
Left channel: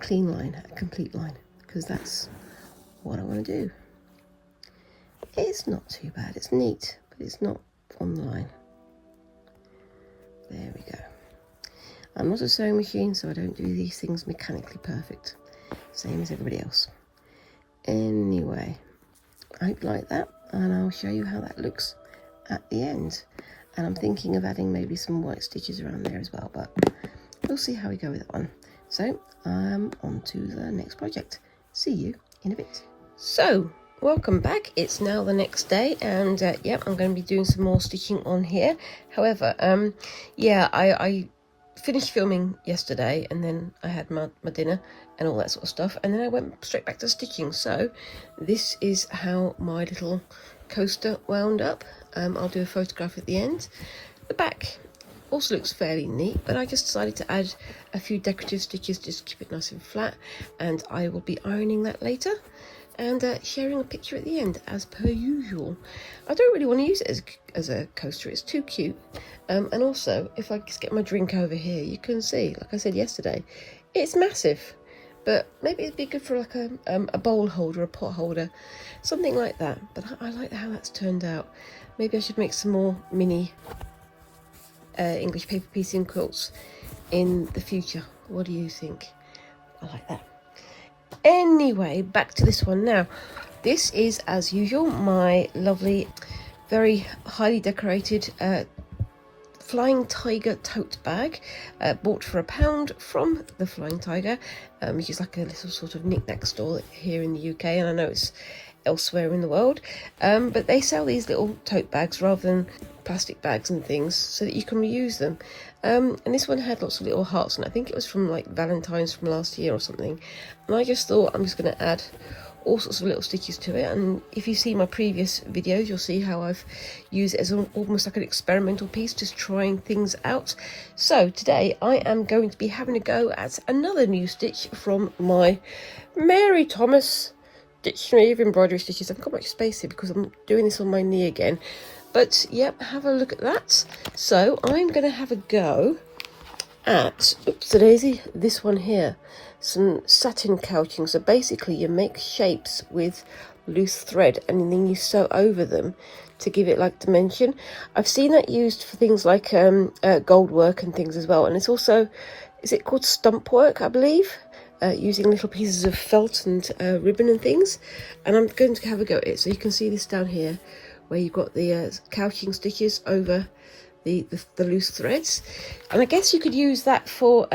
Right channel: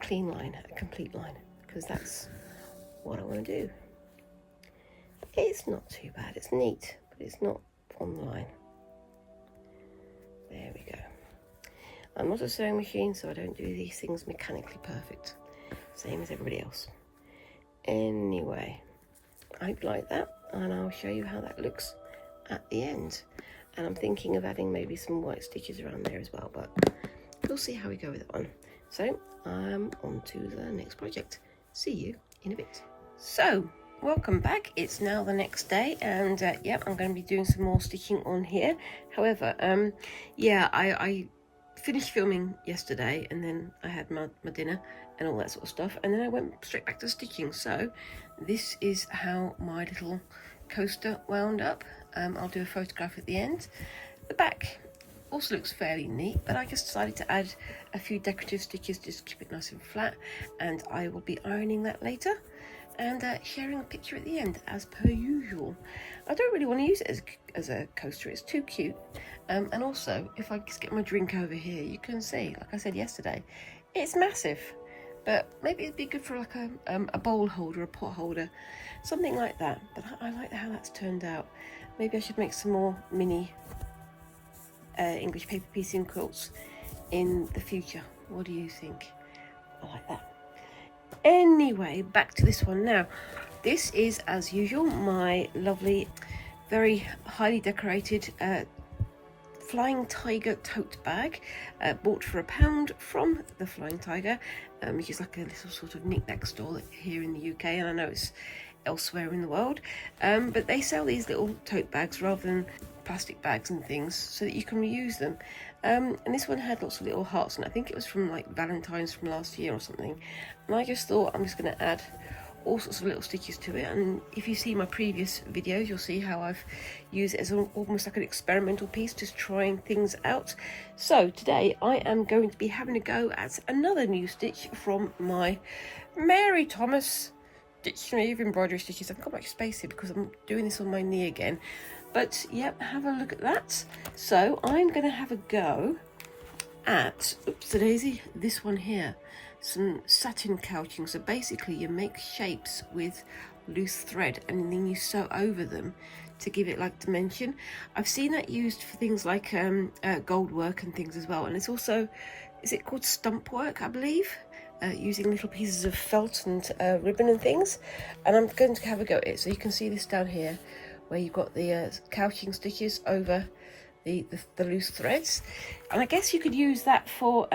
clean line, a complete line, because that's what I want to do. It's not too bad, it's neat, but it's not on the line. There we go. I'm not a sewing machine, so I don't do these things mechanically perfect, same as everybody else. Anyway, I hope you like that, and I'll show you how that looks at the end. And I'm thinking of adding maybe some white stitches around there as well, but we'll see how we go with that one. So I'm on to the next project. See you in a bit. So welcome back. It's now the next day, and yeah, I'm going to be doing some more stitching on here. However, yeah, I finished filming yesterday, and then I had my dinner and all that sort of stuff, and then I went straight back to stitching. So this is how my little coaster wound up. I'll do a photograph at the end. The back also looks fairly neat, but I just decided to add a few decorative stitches just to keep it nice and flat, and I will be ironing that later and sharing a picture at the end as per usual. I don't really want to use it as a coaster, it's too cute. And also, if I just get my drink over here, you can see, like I said yesterday, it's massive, but maybe it'd be good for like a bowl holder, a pot holder, something like that. But I like how that's turned out. Maybe I should make some more mini English paper piecing quilts in the future. What do you think? I like that. Anyway, back to this one now. This is, as usual, my lovely, very highly decorated Flying Tiger tote bag, bought for £1 from the Flying Tiger, which is like a little sort of knick-knack store here in the UK, and I know it's elsewhere in the world, but they sell these little tote bags rather than plastic bags and things, so that you can reuse them. And this one had lots of little hearts, and I think it was from like Valentine's from last year or something, and I just thought I'm just going to add all sorts of little stitches to it. And if you see my previous videos, you'll see how I've used it as almost like an experimental piece, just trying things out. So today I am going to be having a go at another new stitch from my Mary Thomas Dictionary of Embroidery Stitches. I've got much space here because I'm doing this on my knee again, but yep, have a look at that. So I'm going to have a go at, oops a daisy, this one here, some satin couching. So basically you make shapes with loose thread and then you sew over them to give it like dimension. I've seen that used for things like gold work and things as well, and it's also, is it called stump work, I believe? Using little pieces of felt and ribbon and things, and I'm going to have a go at it. So you can see this down here where you've got the couching stitches over the loose threads, and I guess you could use that for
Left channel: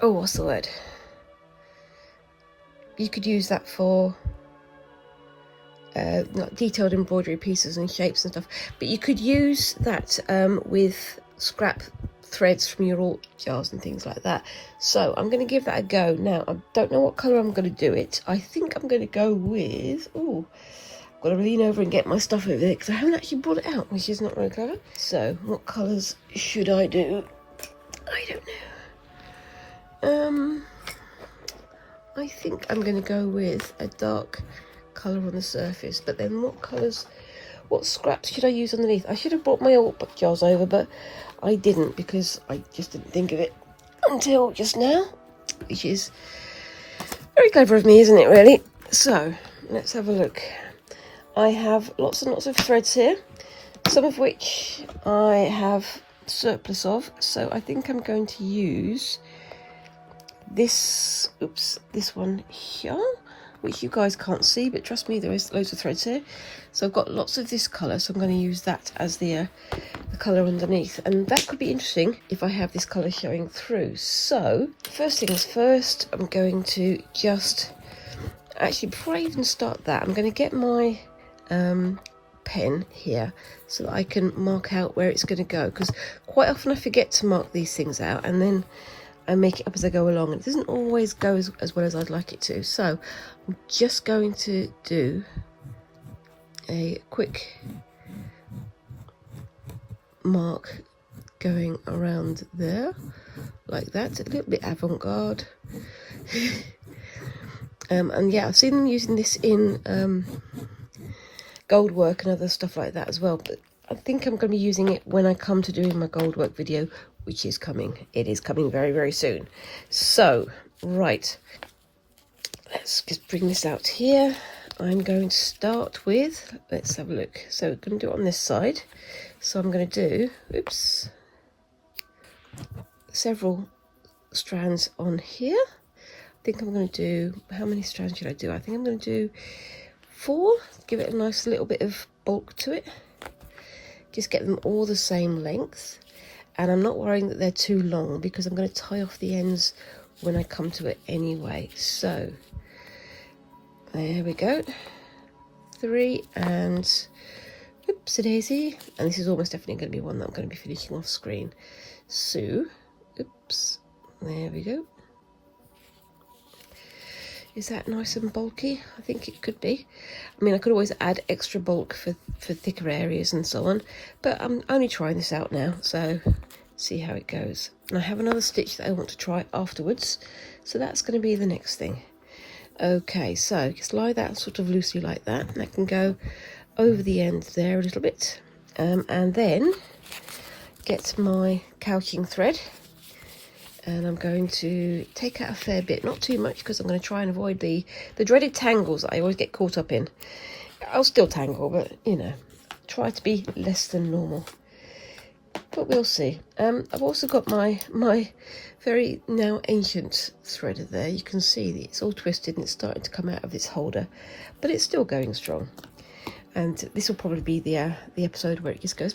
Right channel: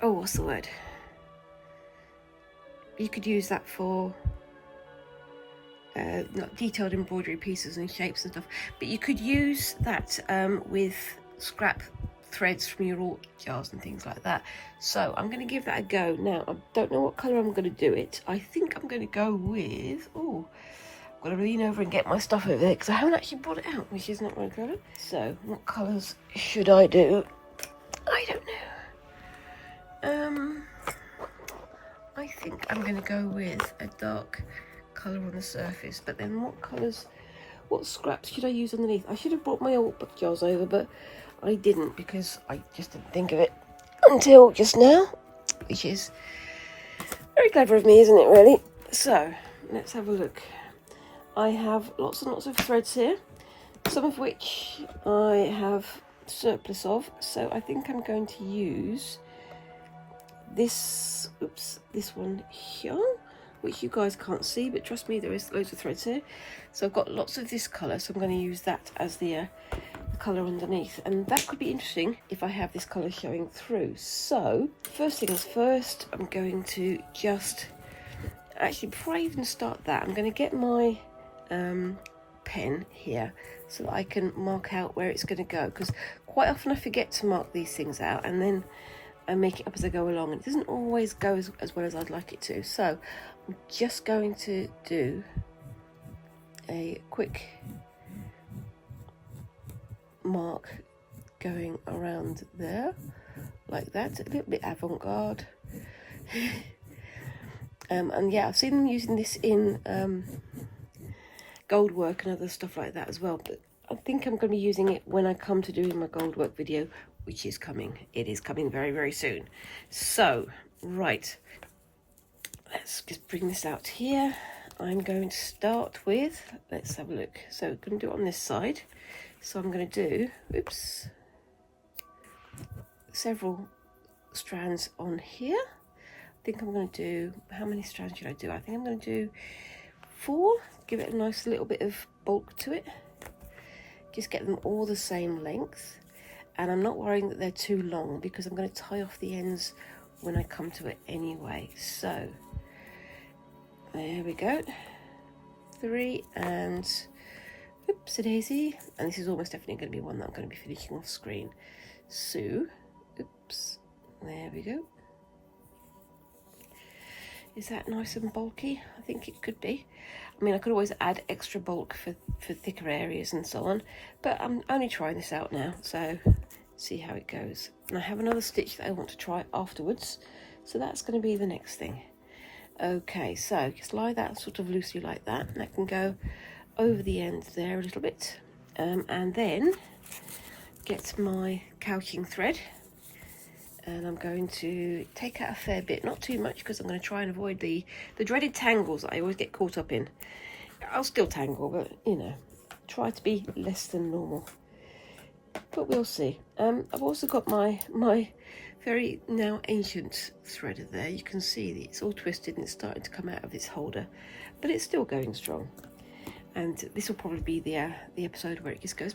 oh, what's the word, you could use that for like detailed embroidery pieces and shapes and stuff, but you could use that with scrap threads from your alt jars and things like that. So I'm going to give that a go. Now I don't know what colour I'm going to do it. I think I'm going to go with, oh, I've got to lean over and get my stuff over there because I haven't actually brought it out, which is not very clever. So what colours should I do? I don't know. I think I'm going to go with a dark colour on the surface, but then what colours, what scraps should I use underneath? I should have brought my alt jars over, but I didn't because I just didn't think of it until just now, which is very clever of me, isn't it, really? So let's have a look. I have lots and lots of threads here, some of which I have surplus of, so I think I'm going to use this, this one here, which you guys can't see, but trust me, there is loads of threads here. So I've got lots of this colour, so I'm going to use that as the colour underneath, and that could be interesting if I have this colour showing through. So first thing is first, I'm going to just, actually before I even start that, I'm going to get my pen here so that I can mark out where it's going to go, because quite often I forget to mark these things out and then I make it up as I go along, and it doesn't always go as well as I'd like it to. So I'm just going to do a quick mark going around there like that, a little bit avant-garde. And yeah, I've seen them using this in gold work and other stuff like that as well, but I think I'm going to be using it when I come to doing my gold work video, which is coming. It is coming very, very soon. So right, let's just bring this out here. I'm going to start with, let's have a look. So I'm going to do it on this side. So I'm going to do, oops, several strands on here. I think I'm going to do, how many strands should I do? I think I'm going to do 4, give it a nice little bit of bulk to it. Just get them all the same length. And I'm not worrying that they're too long because I'm going to tie off the ends when I come to it anyway. So there we go. 3 and oopsie daisy. And this is almost definitely going to be one that I'm going to be finishing off screen. So, oops, there we go. Is that nice and bulky? I think it could be. I mean, I could always add extra bulk for thicker areas and so on, but I'm only trying this out now, so see how it goes. And I have another stitch that I want to try afterwards, so that's going to be the next thing. Okay, so just lie that sort of loosely like that, and I can go over the end there a little bit, and then get my couching thread. And I'm going to take out a fair bit, not too much, because I'm going to try and avoid the dreaded tangles that I always get caught up in. I'll still tangle, but, you know, try to be less than normal. But we'll see. I've also got my very now ancient thread there. You can see that it's all twisted and it's starting to come out of its holder, but it's still going strong. And this will probably be the episode where it just goes,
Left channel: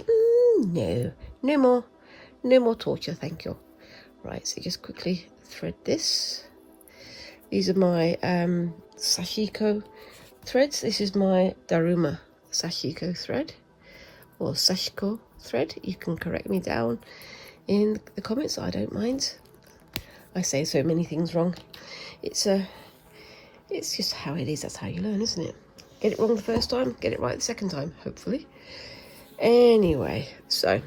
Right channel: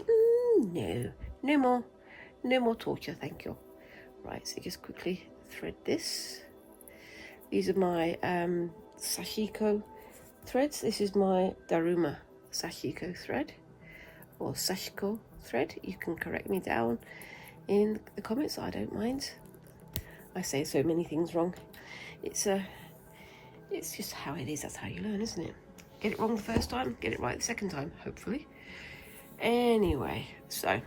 no more torture, thank you. Right, so just quickly thread this. These are my sashiko threads. This is my Daruma sashiko thread, or sashiko thread. You can correct me down in the comments, I don't mind. I say so many things wrong. It's just how it is, that's how you learn, isn't it? Get it wrong the first time, get it right the second time, hopefully. Anyway, so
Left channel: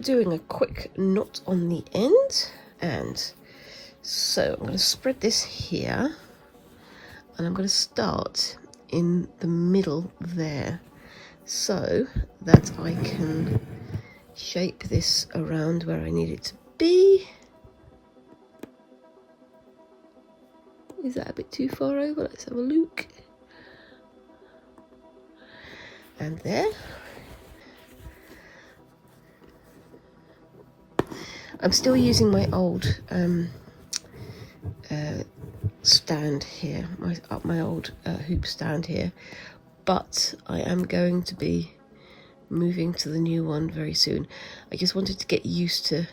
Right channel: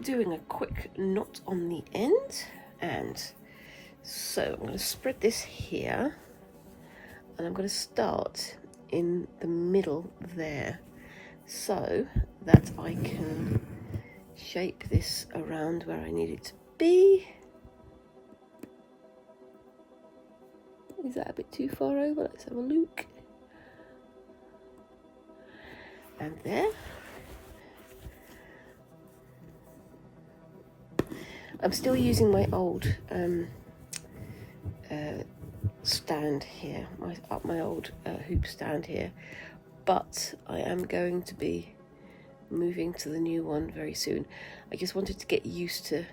doing a quick knot on the end, and so I'm going to spread this here, and I'm going to start in the middle there so that I can shape this around where I need it to be. Is that a bit too far over? Let's have a look. And there. I'm still using my old stand here, my old hoop stand here, but I am going to be moving to the new one very soon. I just wanted to get used to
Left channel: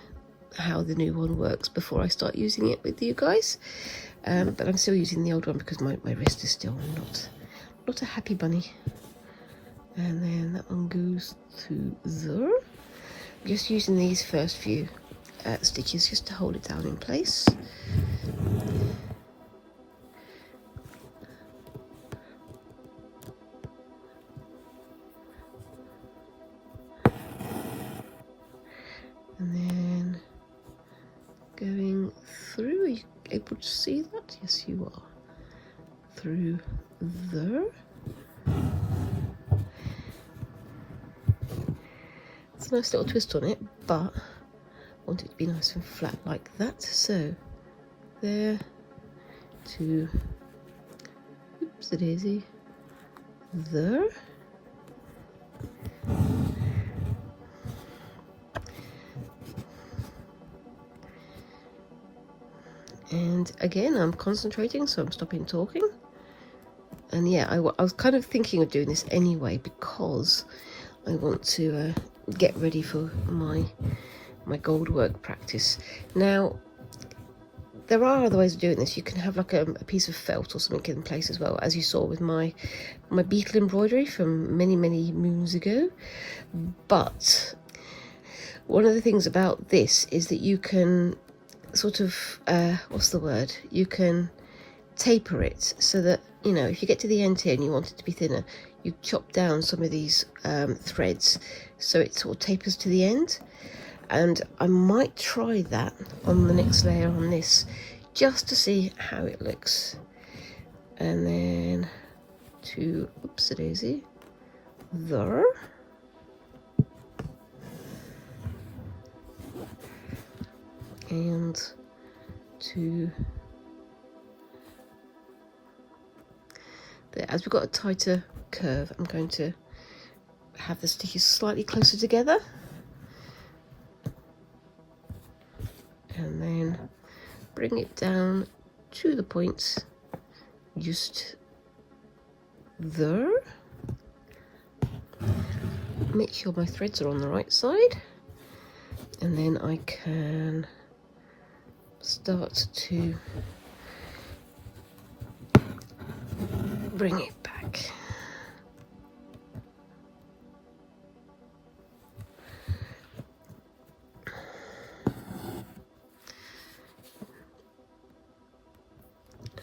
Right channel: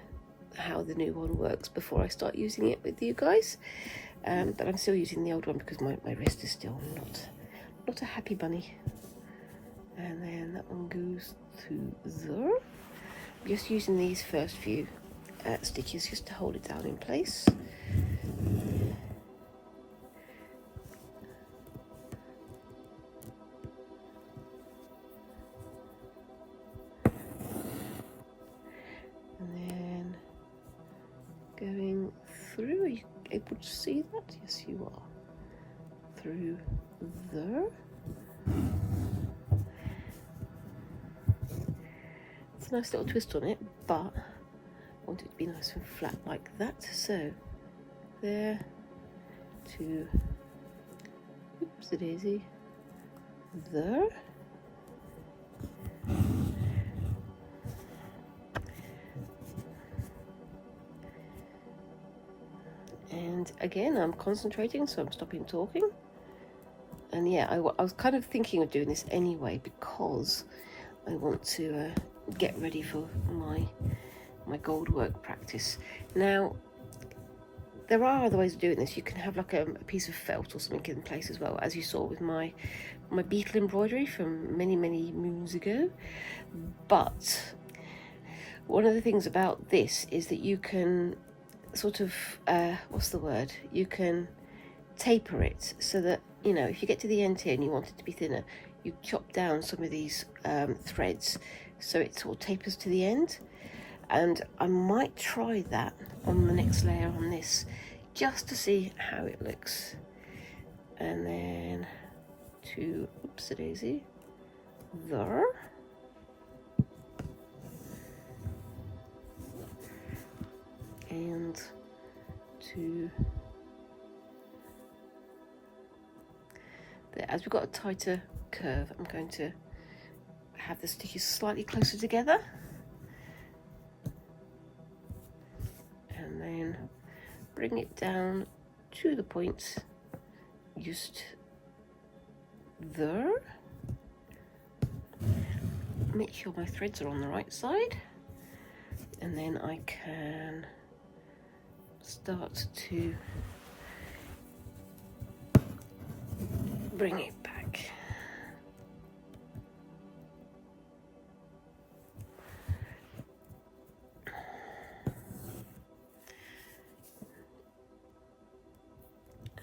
how the new one works before I start using it with you guys, but I'm still using the old one because my wrist is still not a happy bunny. And then that one goes to there. I'm just using these first few stitches just to hold it down in place. And then going through, are you able to see that? Yes, you are. Through there. It's a nice little twist on it, but I want it to be nice and flat like that. So there to, oops, a daisy, there. And again, I'm concentrating, so I'm stopping talking. And yeah, I was kind of thinking of doing this anyway because I want to get ready for my gold work practice. Now, there are other ways of doing this. You can have like a piece of felt or something in place as well, as you saw with my beetle embroidery from many moons ago. But one of the things about this is that you can sort of what's the word? You can taper it so that, you know, if you get to the end here and you want it to be thinner, you chop down some of these threads so it sort of tapers to the end. And I might try that on the next layer on this just to see how it looks. And then to oopsie daisy there, and to there. As we've got a tighter curve, I'm going to have the stitches slightly closer together, and then bring it down to the point just there. Make sure my threads are on the right side, and then I can start to bring it back.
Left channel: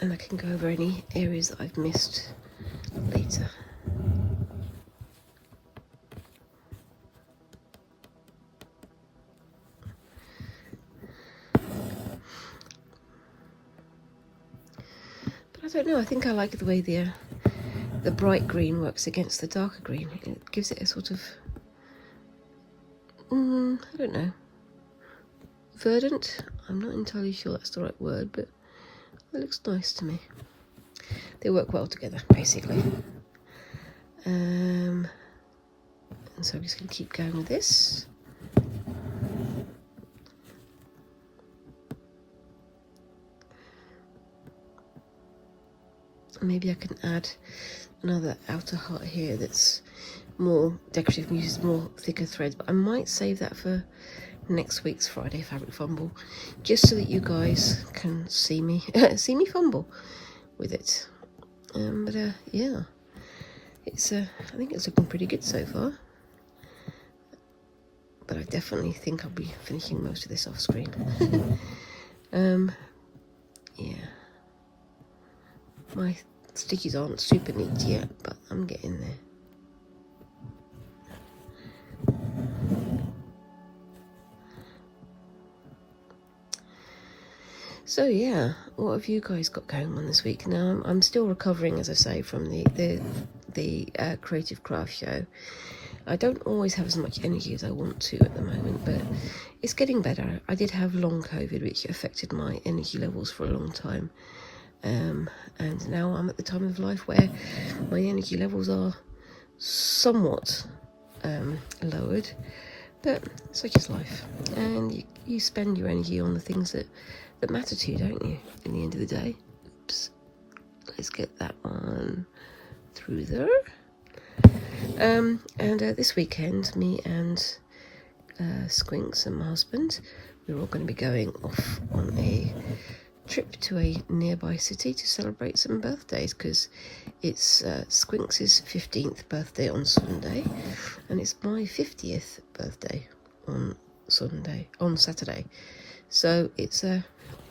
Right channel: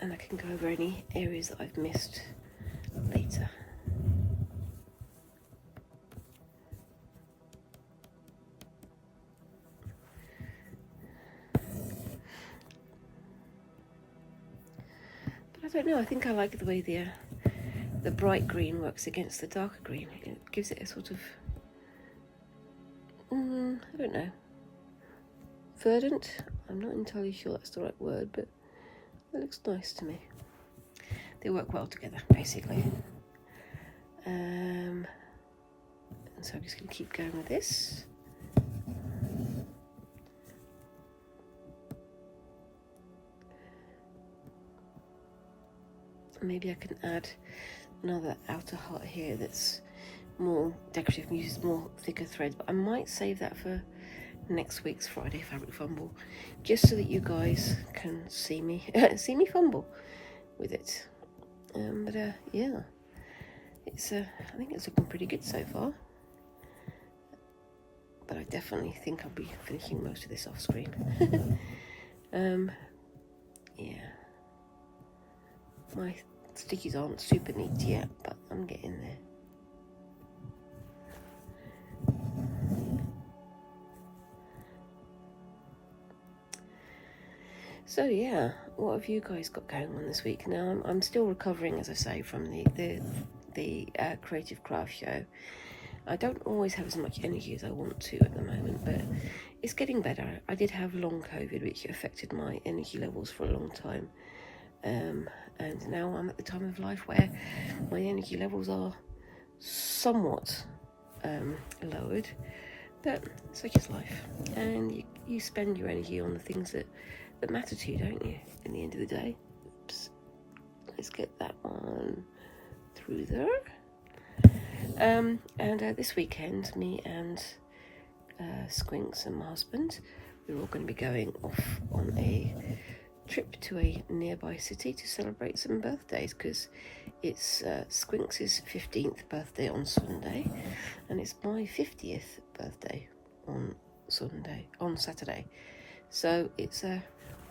And I can go over any areas that I've missed later. But I don't know, I think I like the way the bright green works against the darker green. It gives it a sort of, I don't know, verdant. I'm not entirely sure that's the right word, but it looks nice to me. They work well together, basically. And so I'm just going to keep going with this. Maybe I can add another outer heart here that's more decorative and uses more thicker threads, but I might save that for next week's Friday Fabric Fumble, just so that you guys can see me see me fumble with it. But yeah, it's I think it's looking pretty good so far. But I definitely think I'll be finishing most of this off screen. Yeah, my stitches aren't super neat yet, but I'm getting there. So yeah, what have you guys got going on this week? Now I'm still recovering, as I say, from the creative craft show. I don't always have as much energy as I want to at the moment, but it's getting better. I did have long COVID, which affected my energy levels for a long time, and now I'm at the time of life where my energy levels are somewhat lowered, but such is life, and you spend your energy on the things that matter to you, don't you, in the end of the day. Oops. Let's get that one through there. And this weekend, me and Squinks and my husband, we're all going to be going off on a trip to a nearby city to celebrate some birthdays, because it's Squinks' 15th birthday on Sunday, and it's my 50th birthday on Saturday. So it's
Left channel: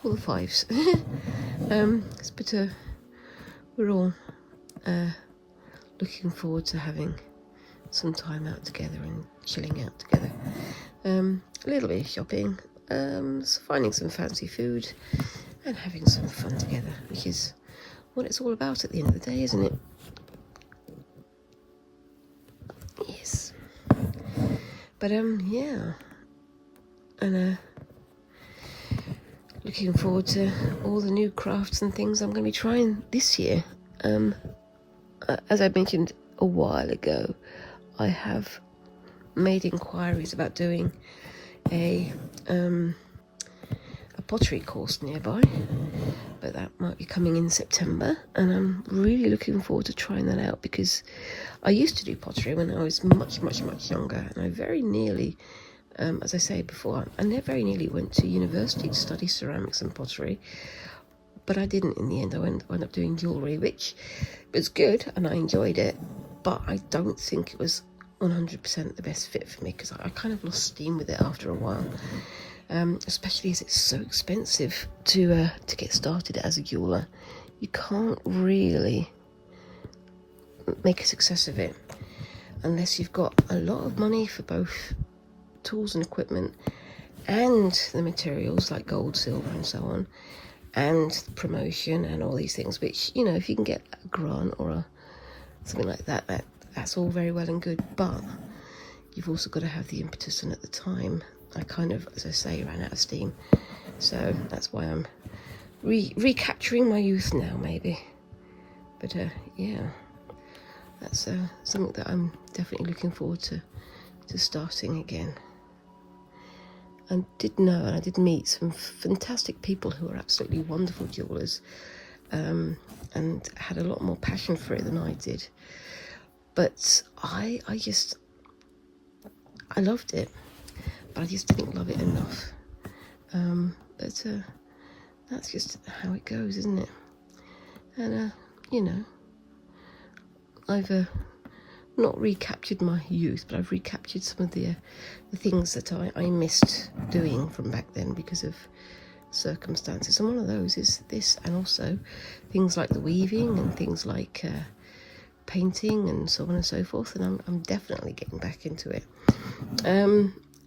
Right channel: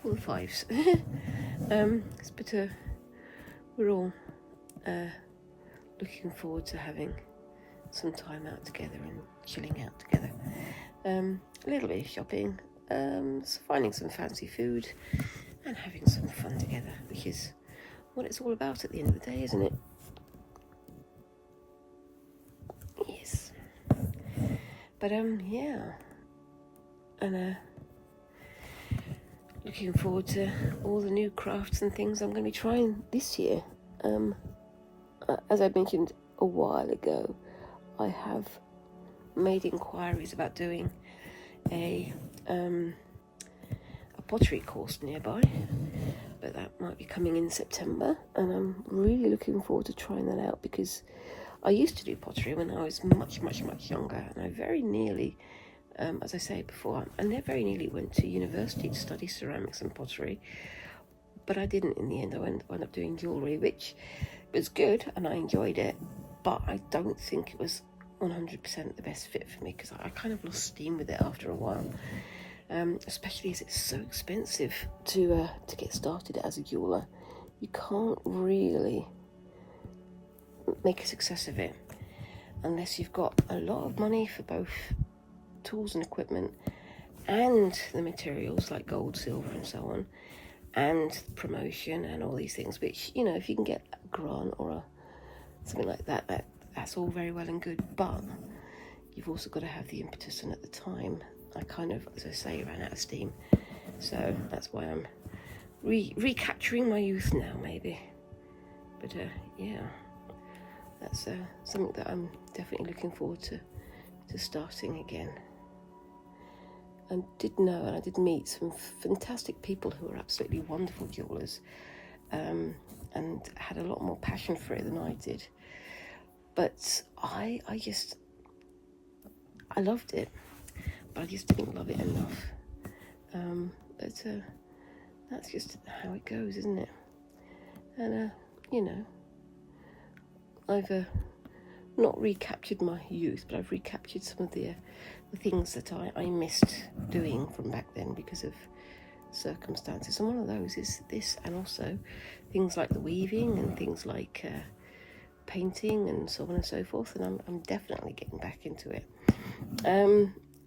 all the fives. But we're all looking forward to having some time out together and chilling out together. A little bit of shopping, finding some fancy food, and having some fun together, which is what it's all about at the end of the day, isn't it? Yes. But yeah, and looking forward to all the new crafts and things I'm going to be trying this year. As I mentioned a while ago, I have made inquiries about doing a pottery course nearby, but that might be coming in September, and I'm really looking forward to trying that out, because I used to do pottery when I was much younger, and I very nearly, as I said before, I very nearly went to university to study ceramics and pottery, but I didn't in the end. I wound up doing jewellery, which was good and I enjoyed it, but I don't think it was 100% the best fit for me, because I kind of lost steam with it after a while, especially as it's so expensive to get started as a jeweller. You can't really make a success of it unless you've got a lot of money for both tools and equipment and the materials like gold, silver and so on, and promotion and all these things, which, you know, if you can get a grant or something like that, that's all very well and good, but you've also got to have the impetus, and at the time I kind of, as I say, ran out of steam, so that's why I'm recapturing my youth now, maybe. But yeah, that's something that I'm definitely looking forward to starting again. I did know, and I did meet some fantastic people who were absolutely wonderful jewellers, and had a lot more passion for it than I did. But I loved it, but I just didn't love it enough. But that's just how it goes, isn't it? And you know, I've not recaptured my youth, but I've recaptured some of the things that I missed doing from back then because of circumstances, and one of those is this, and also things like the weaving and things like painting and so on and so forth, and I'm definitely getting back into it.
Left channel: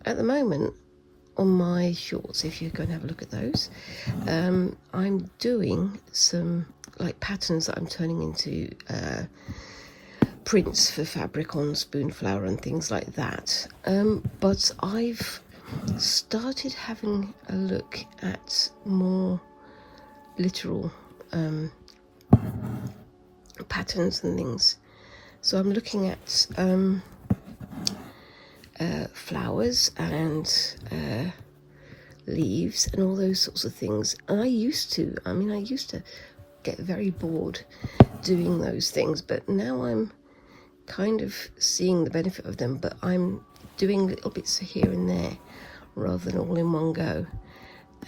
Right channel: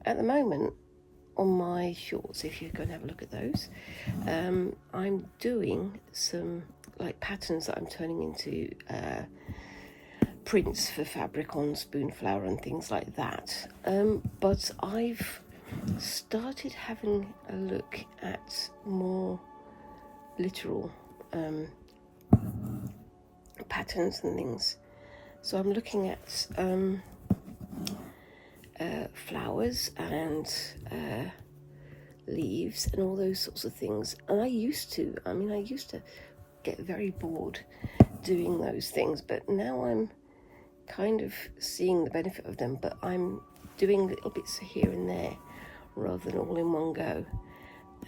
At the moment on my shorts, if you go and have a look at those, I'm doing some like patterns that I'm turning into prints for fabric on spoon flower and things like that, but I've started having a look at more literal patterns and things. So I'm looking at flowers and leaves and all those sorts of things, and I used to get very bored doing those things, but now I'm kind of seeing the benefit of them, but I'm doing little bits here and there rather than all in one go,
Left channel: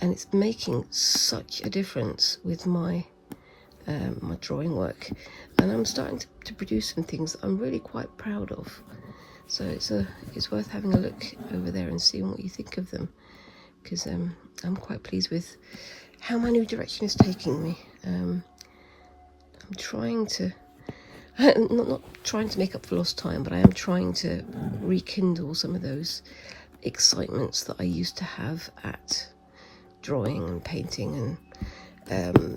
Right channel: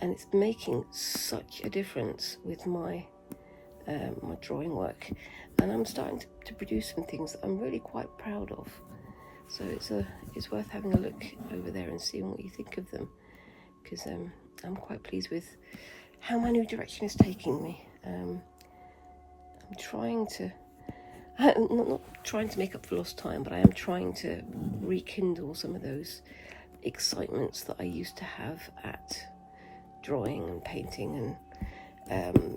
and it's making such a difference with my my drawing work, and I'm starting to produce some things that I'm really quite proud of. So it's worth having a look over there and seeing what you think of them, because I'm quite pleased with how my new direction is taking me. I'm trying to not trying to make up for lost time, but I am trying to rekindle some of those excitements that I used to have at drawing and painting and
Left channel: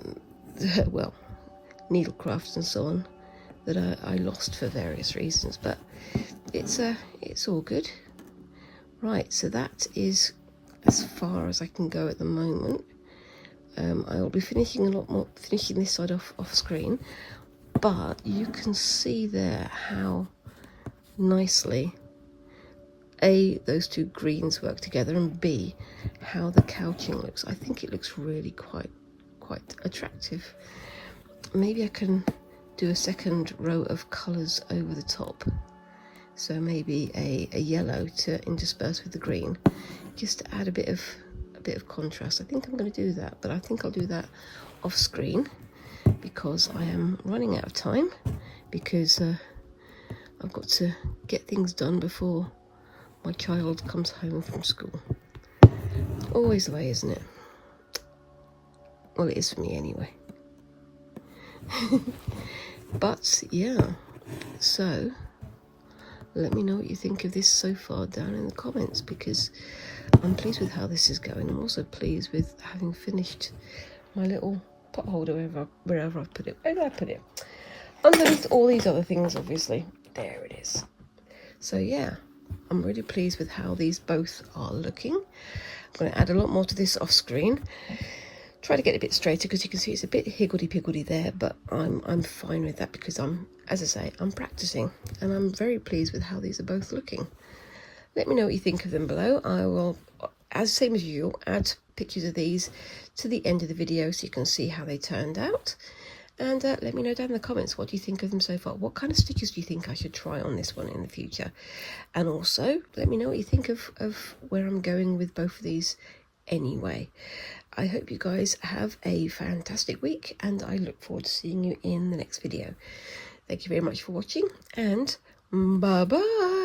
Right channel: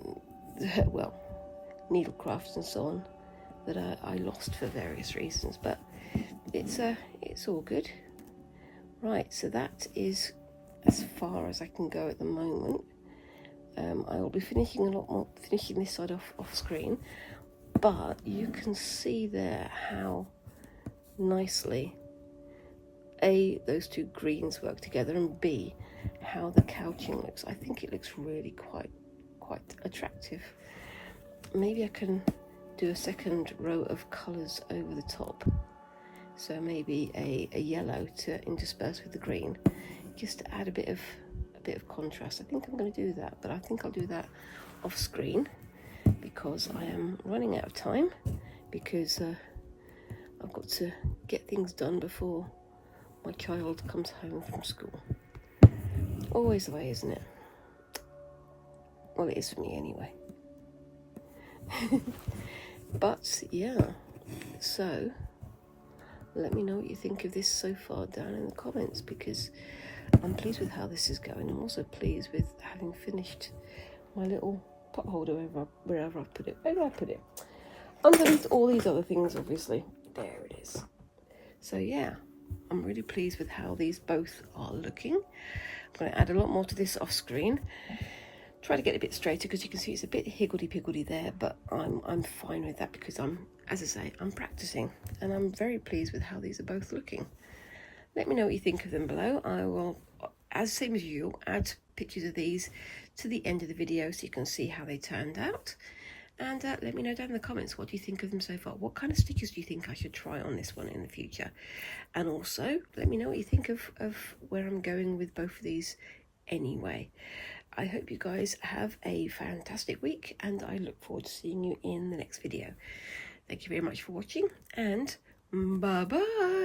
well, needlecrafts and so on, that I lost for various reasons, but it's all good. Right, so that is as far as I can go at the moment. I will be finishing this side off screen, but you can see there how nicely A, those two greens work together, and B, how the couching looks. I think it looks really quite attractive. Maybe I can do a second row of colours over the top, so maybe a yellow to intersperse with the green, just to add a bit of contrast. I think I'm going to do that, but I think I'll do that off screen because I am running out of time, because I've got to get things done before my child comes home from school. Always the way, isn't it? Well, it is for me anyway. But yeah, so let me know what you think of this so far down in the comments, because I'm pleased with how this is going. I'm also pleased with having finished my little pot holder wherever I put it. Where did I put it? Underneath all these other things, obviously. There it is. So yeah, I'm really pleased with how these both are looking. I'm going to add a lot more to this off screen. Try to get it a bit straighter, because you can see it's a bit higgledy-piggledy there, but I'm fine with that, because as I say, I'm practicing, and I'm very pleased with how these are both looking. Let me know what you think of them below. I will as same as usual, add pictures of these to the end of the video so you can see how they turned out. And let me know down in the comments, what do you think of them so far? What kind of stitches do you think I should try on this one in the future? And also, let me know what you think of where I'm going with both of these anyway. I hope you guys have a fantastic week, and I look forward to seeing you in the next video. Thank you very much for watching, and bye-bye.